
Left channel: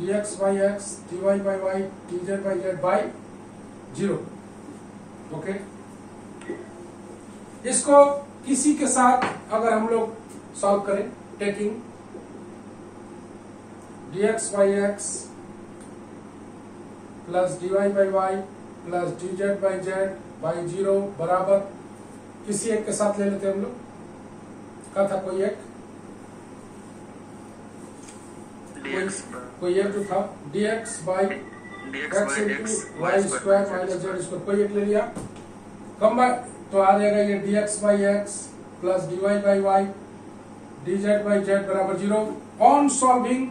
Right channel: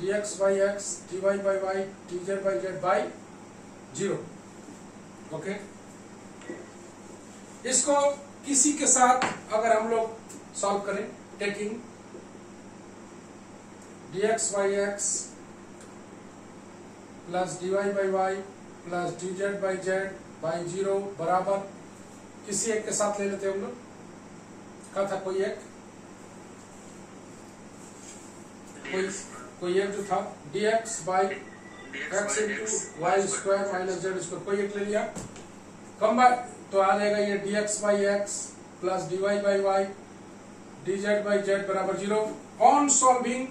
dx by X dy by Y dz by Z by 0। Okay, इसको किसी के साथ अगर हम लोग सॉल्व करें, taking dx by X plus dy by Y plus dz by Z by 0 बराबर किसी एक के साथ ले लेते हैं हम लोग। क्या था कोई एक जो था dx by X into Y square minus Z square, कोई एक ले लिया। कंबाइन तो आ जाएगा ये dx by X plus dy by Y dz by Z बराबर 0। ऑन सॉल्विंग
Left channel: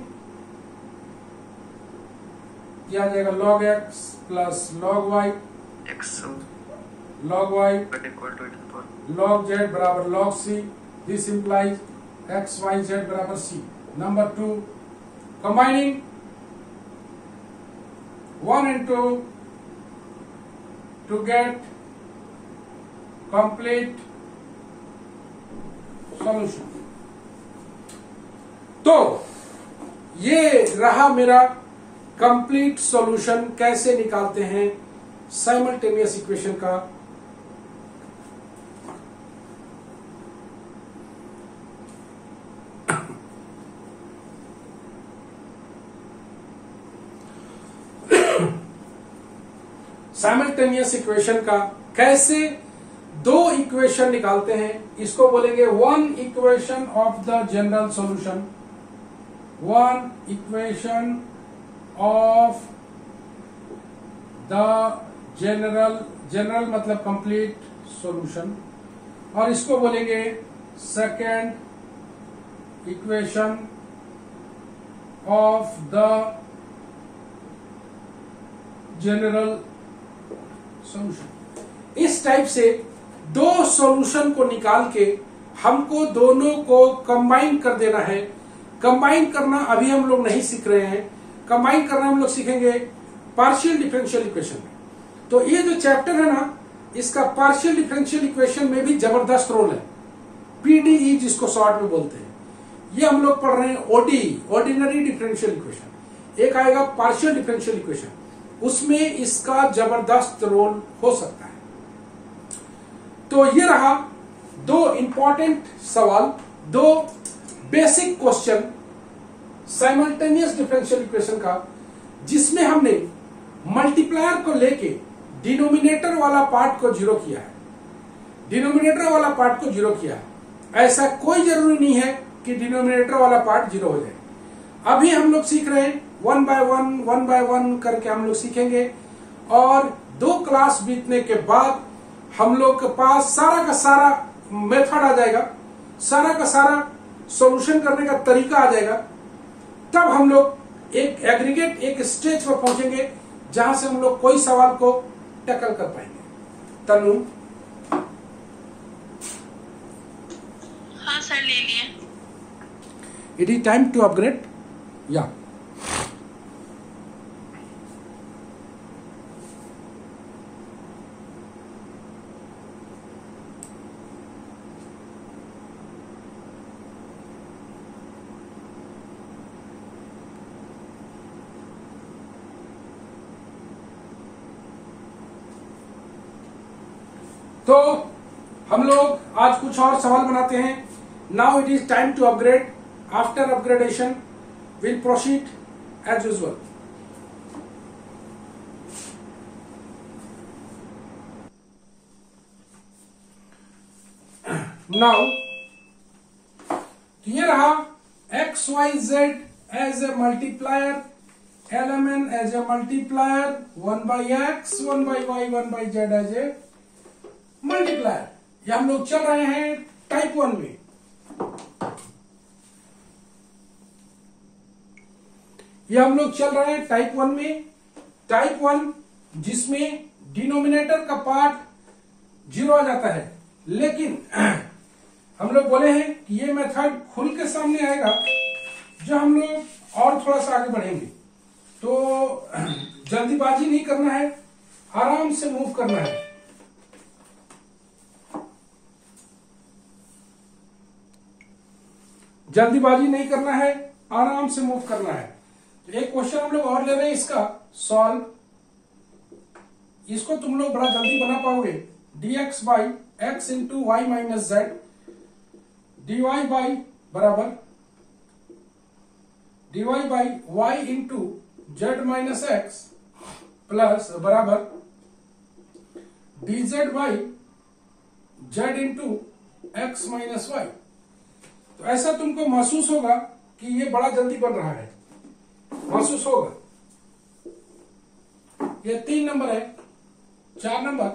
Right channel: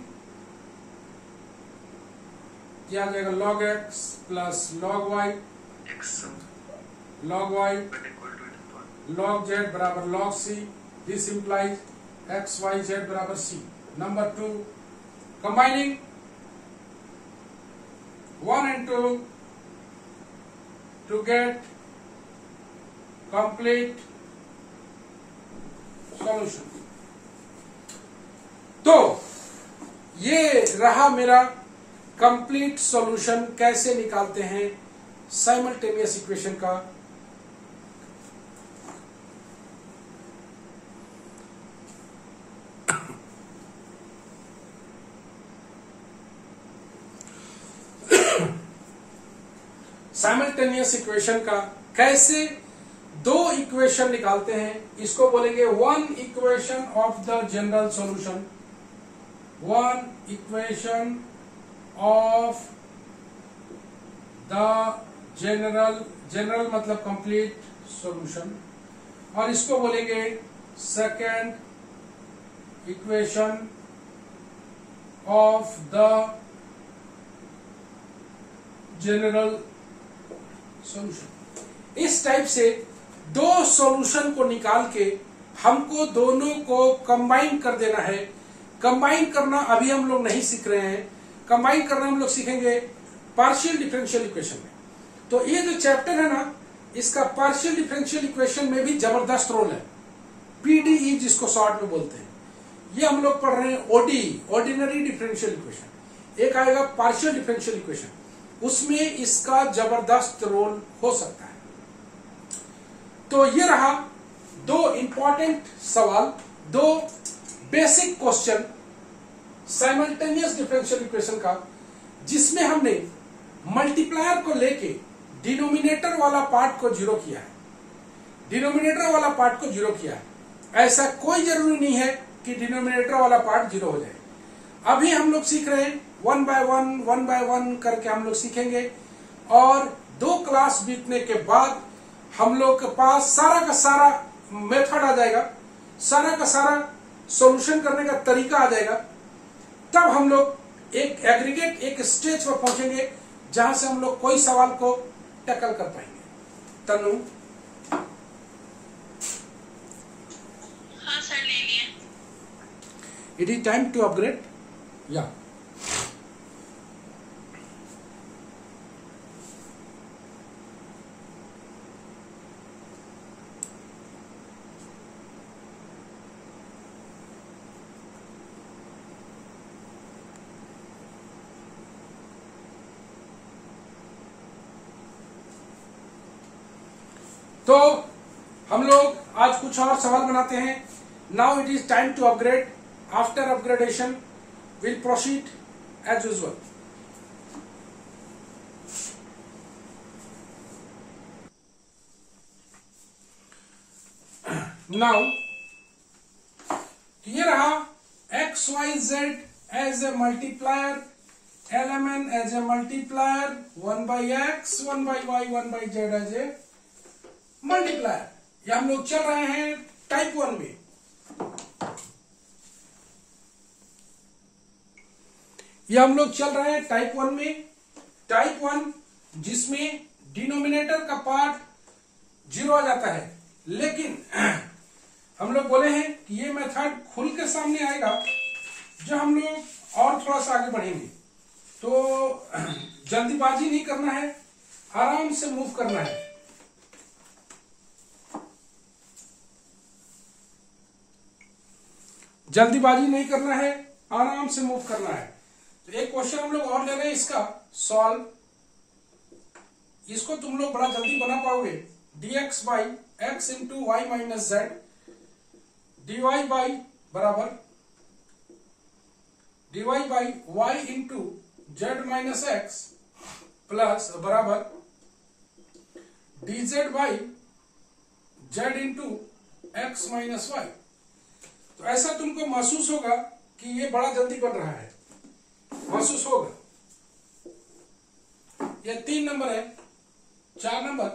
यह आ जाएगा log x plus log y log y log z बराबर log c। This implies x y z बराबर c। Number 2, combining 1 and 2 to get complete solution। तो ये रहा मेरा कंप्लीट सॉल्यूशन, कैसे निकालते हैं साइमल्टेनियस इक्वेशन का। साइमल्टेनियस इक्वेशन का कैसे दो इक्वेशन निकालते हैं, इसको बोलेंगे one equation of the general solution. One equation of the general मतलब कंप्लीट सॉल्यूशन, और इसको बोलेंगे second equation of the general solution. इस टाइप से दो सॉल्यूशन को निकाल के हमको दोनों को कंबाइन कर देना है, कंबाइन करना अभी हम लोग नहीं सीख रहे हैं, कंबाइन करना हम लोग सीखेंगे पार्शियल डिफरेंशियल इक्वेशन में। तो ये जो चैप्टर है ना, इसका पार्शियल डिफरेंशियल इक्वेशन में भी जबरदस्त रोल है, पीडीई जिसको शॉर्ट में बोलते हैं। ये हम लोग पढ़ रहे हैं ओडीई, ऑर्डिनरी डिफरेंशियल इक्वेशन। एक आएगा पार्शियल डिफरेंशियल इक्वेशन, उसमें इसका जबरदस्त रोल हो सकता है। तो ये रहा दो इंपॉर्टेंट सवाल, दो basic question simultaneous differential equation का, जिसमें हमने मल्टीप्लायर को लेके डिनोमिनेटर वाला पार्ट को जीरो किया है, डिनोमिनेटर वाला पार्ट को जीरो किया है। ऐसा कोई जरूरी नहीं है कि डिनोमिनेटर वाला पार्ट जीरो हो जाए। अभी हम लोग सीख रहे हैं वन बाय वन करके हम लोग सीखेंगे, और 2 क्लास बीतने के बाद हम लोग के पास सारा का सारा मेथड आ जाएगा, सारा का सारा सॉल्यूशन करने का तरीका आ जाएगा। तब हम लोग एक एग्रीगेट, एक स्टेज पर पहुंचेंगे जहां से हम लोग कोई सवाल को टैकल कर पाएंगे। तनु, हाँ सर, ले लिए। It is time to upgrade या तो हम लोग आज कुछ और सवाल बनाते हैं। Now it is time to upgrade. After upgradation will proceed as usual. Now ये रहा X Y Z as a multiplier, LMN as a multiplier, 1/x, 1/y, 1/z as a multiplier. ये हम लोग चल रहे हैं टाइप 1 में। ये हम लोग चल रहे हैं टाइप 1 में। टाइप 1 जिसमें डिनोमिनेटर का पार्ट जीरो आ जाता है, लेकिन हम लोग बोले हैं कि ये मेथड खुल के सामने आएगा जब हम लोग और थोड़ा सा आगे बढ़ेंगे। तो जल्दीबाजी नहीं करना है, आराम से मूव करना है। जल्दीबाजी नहीं करना है, आराम से मूव करना है। तो एक क्वेश्चन हम लोग और ले रहे हैं, इसका सॉल्व। इसको तुम लोग बड़ा जल्दी बना पाओगे। dx by X into Y minus Z, dy by बराबर dy by Y into Z minus X plus बराबर dz by Z into X minus Y. तो ऐसा तुमको महसूस होगा कि ये बड़ा जल्दी बन रहा है, महसूस होगा। ये 3 नंबर है। 4 number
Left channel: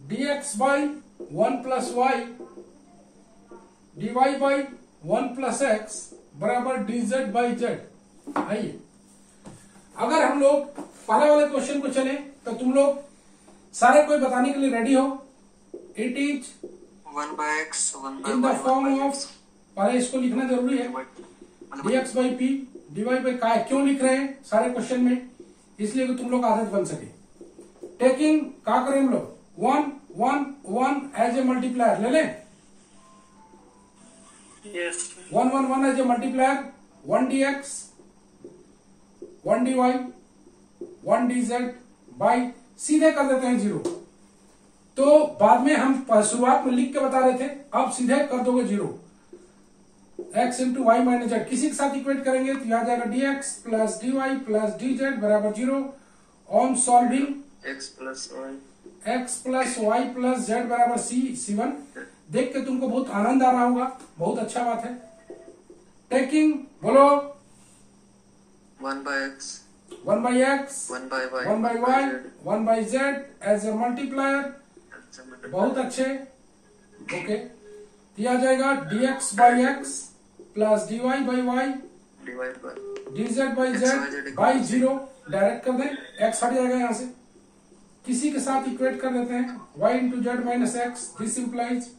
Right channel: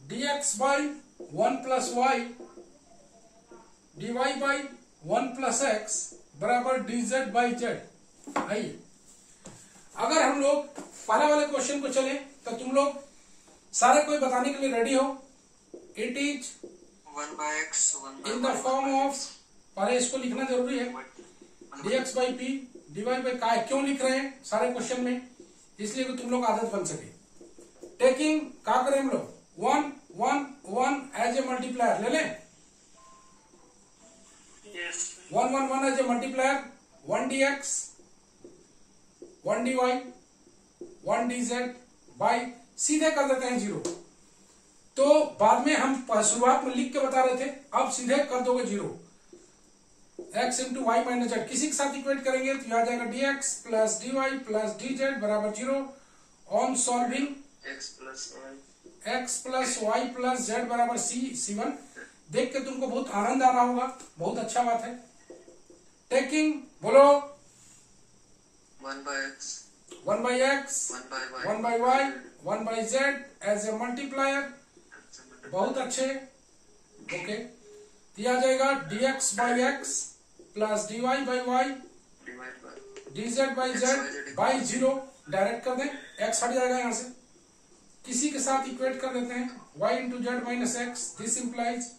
dx by 1 plus Y, dy by 1 plus X बराबर dz बाई जेड। आइए, अगर हम लोग पहले वाले क्वेश्चन को चले तो तुम लोग सारे कोई बताने के लिए रेडी हो। It is 1/x, 1/y, in the form of, पहले इसको लिखना जरूरी है, dx by P, dy by काय। क्यों लिख रहे हैं सारे क्वेश्चन में? इसलिए कि तुम लोग आदत बन सके। टेकिंग क्या करें हम लोग, 1 1 1 एज ए मल्टीप्लायर ले लें। Yes. 1 1 1 as a multiplier, 1 dx, 1 dy, 1 dz by, सीधे कर देते हैं 0। तो बाद में हम शुरुआत में लिख के बता रहे थे, अब सीधे कर दोगे 0। x into Y minus Z किसी के साथ इक्वेट करेंगे तो यहां जाएगा dx plus dy plus dz बराबर 0। On solving x plus y plus Z बराबर c1। देख के तुमको बहुत आनंद आ रहा होगा, बहुत अच्छा बात है। टेकिंग बोलो 1/x, 1/x, 1/y, 1/y, 1/z as a multiplier. बहुत अच्छे, ओके। ये आ जाएगा dx by X plus dy by Y, dz by Z by 0। Direct कर दें, x हट जाएगा यहां से, किसी के साथ इक्वेट कर देते हैं, y into Z minus X. This implies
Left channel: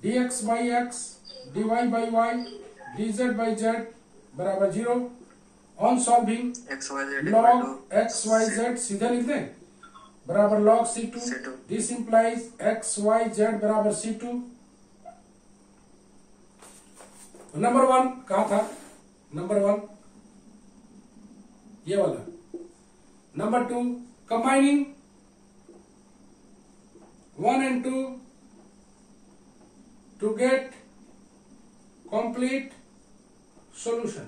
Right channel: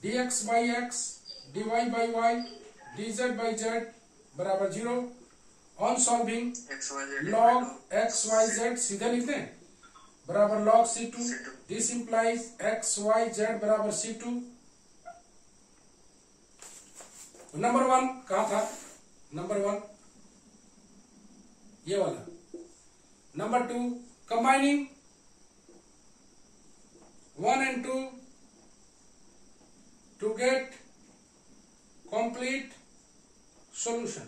dx by X, dy by Y, dz by z बराबर 0 on solving XYZ log xyz सीधे लिख दें बराबर log c2 this implies xyz बराबर c2। नंबर 1 कहां था? नंबर 1 ये वाला। Number 2 combining 1 and 2 to get complete solution.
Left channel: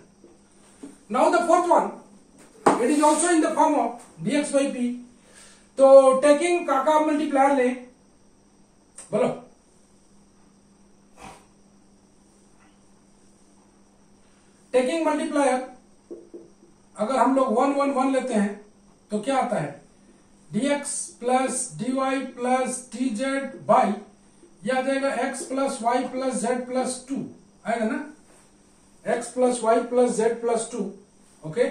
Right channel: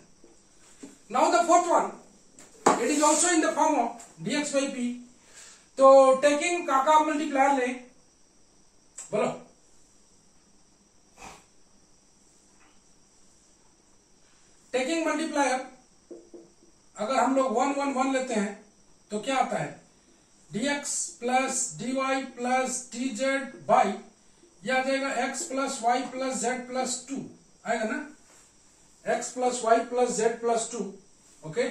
Now the fourth one, it is also in the form of dx by p. तो टेकिंग काका मल्टीप्लायर ले, बोलो taking multiplier अगर हम लोग 1 1 1 लेते हैं तो क्या आता है? dx plus dy plus dz by यह आ जाएगा x plus Y plus Z plus 2 आएगा ना, x plus Y plus Z plus 2। Okay,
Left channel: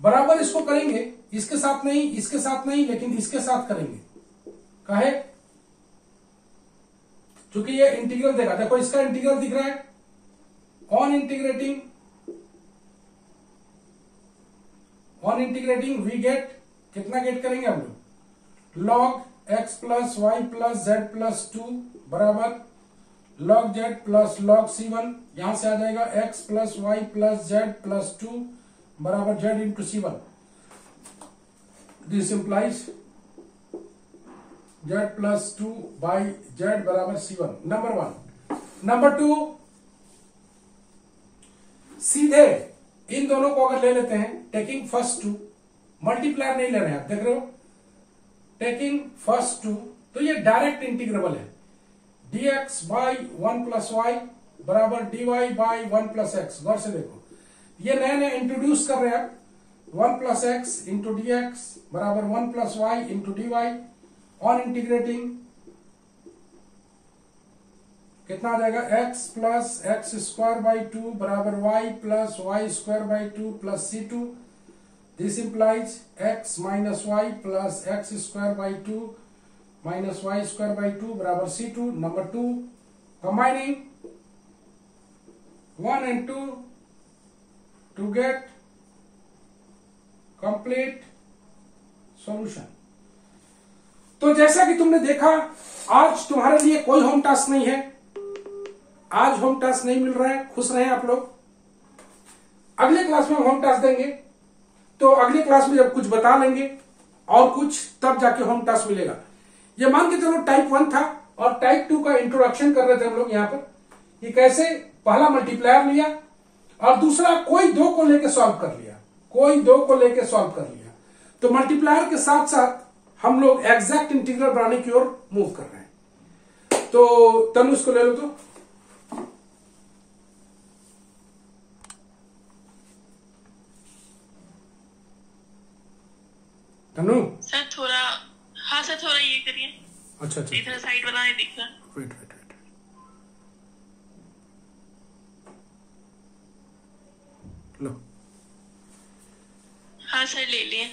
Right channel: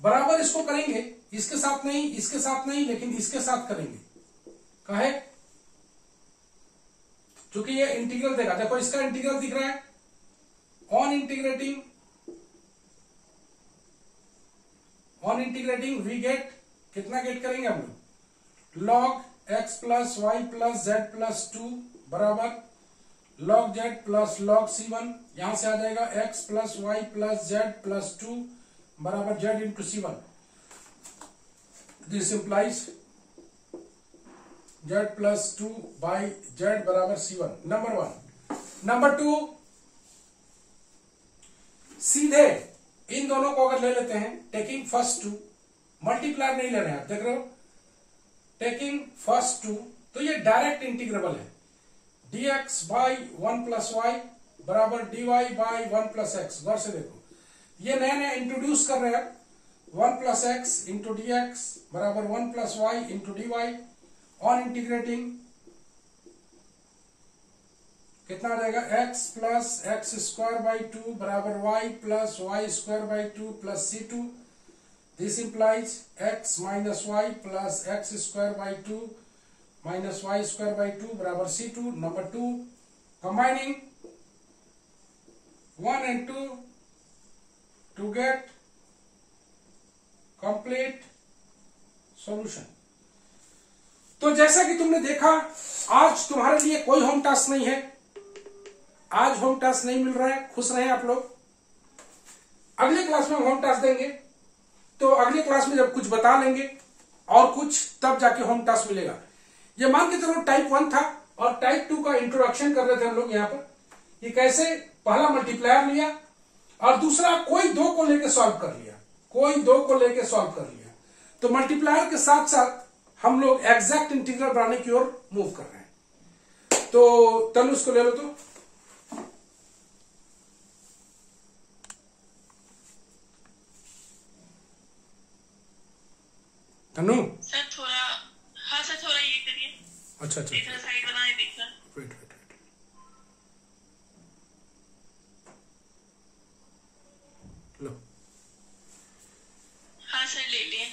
बराबर इसको करेंगे, इसके साथ नहीं, इसके साथ नहीं, लेकिन इसके साथ करेंगे। काहे? क्योंकि ये इंटीग्रल देगा। देखो इसका इंटीग्रल दिख रहा है, ऑन इंटीग्रेटिंग वी गेट, कितना गेट करेंगे हम लोग? log x plus Y plus Z plus 2 बराबर log z plus log c1, यहां से आ जाएगा x plus Y plus Z plus 2 बराबर z into c1। This implies z plus 2 by z बराबर c1। नंबर 1। नंबर 2 सीधे इन दोनों को अगर ले लेते हैं, टेकिंग फर्स्ट 2, मल्टीप्लायर नहीं ले रहे हैं आप, देख रहे हो, टेकिंग फर्स्ट 2, तो ये डायरेक्ट इंटीग्रेबल है। dx बाई 1 प्लस वाई बराबर dy बाई 1 प्लस एक्स। गौर से देखो, ये नया नया इंट्रोड्यूस कर रहे हैं। 1 plus X into D X बराबर 1 plus Y into D Y, on integrating कितना आ जाएगा? x plus X square by 2 बराबर y plus Y square by 2 plus c2। This implies x minus Y plus X square by 2 minus Y square by 2 बराबर c2। Number 2 combining 1 and 2 to get complete solution। तो जैसा कि तुमने देखा, आज तुम्हारे लिए कोई होम टास्क नहीं है, आज होम टास्क नहीं मिल रहा है, खुश रहे आप लोग। अगले क्लास में होम टास्क देंगे, तो अगले क्लास में जब कुछ बता लेंगे और कुछ, तब जाके होम टास्क मिलेगा। ये मान के चलो टाइप 1 था और टाइप 2 का इंट्रोडक्शन कर रहे थे हम लोग यहाँ पर, कि कैसे पहला मल्टीप्लायर लिया और दूसरा कोई 2 को लेके सॉल्व कर लिया, कोई 2 को लेके सॉल्व कर लिया। तो मल्टीप्लायर के साथ साथ हम लोग एग्जैक्ट इंटीग्रल बनाने की ओर मूव कर रहे हैं। तो तनु इसको ले लो तो। तनु सर थोड़ा, हाँ सर थोड़ा ये करिए। अच्छा अच्छा, इधर साइड वाला नहीं दिख रहा। वेट वेट वेट, लो। हाँ सर ले लिए।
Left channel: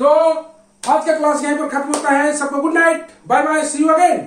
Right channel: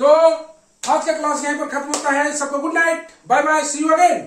तो आज का क्लास यहीं पर खत्म होता है। सबको good night, bye bye, see you again.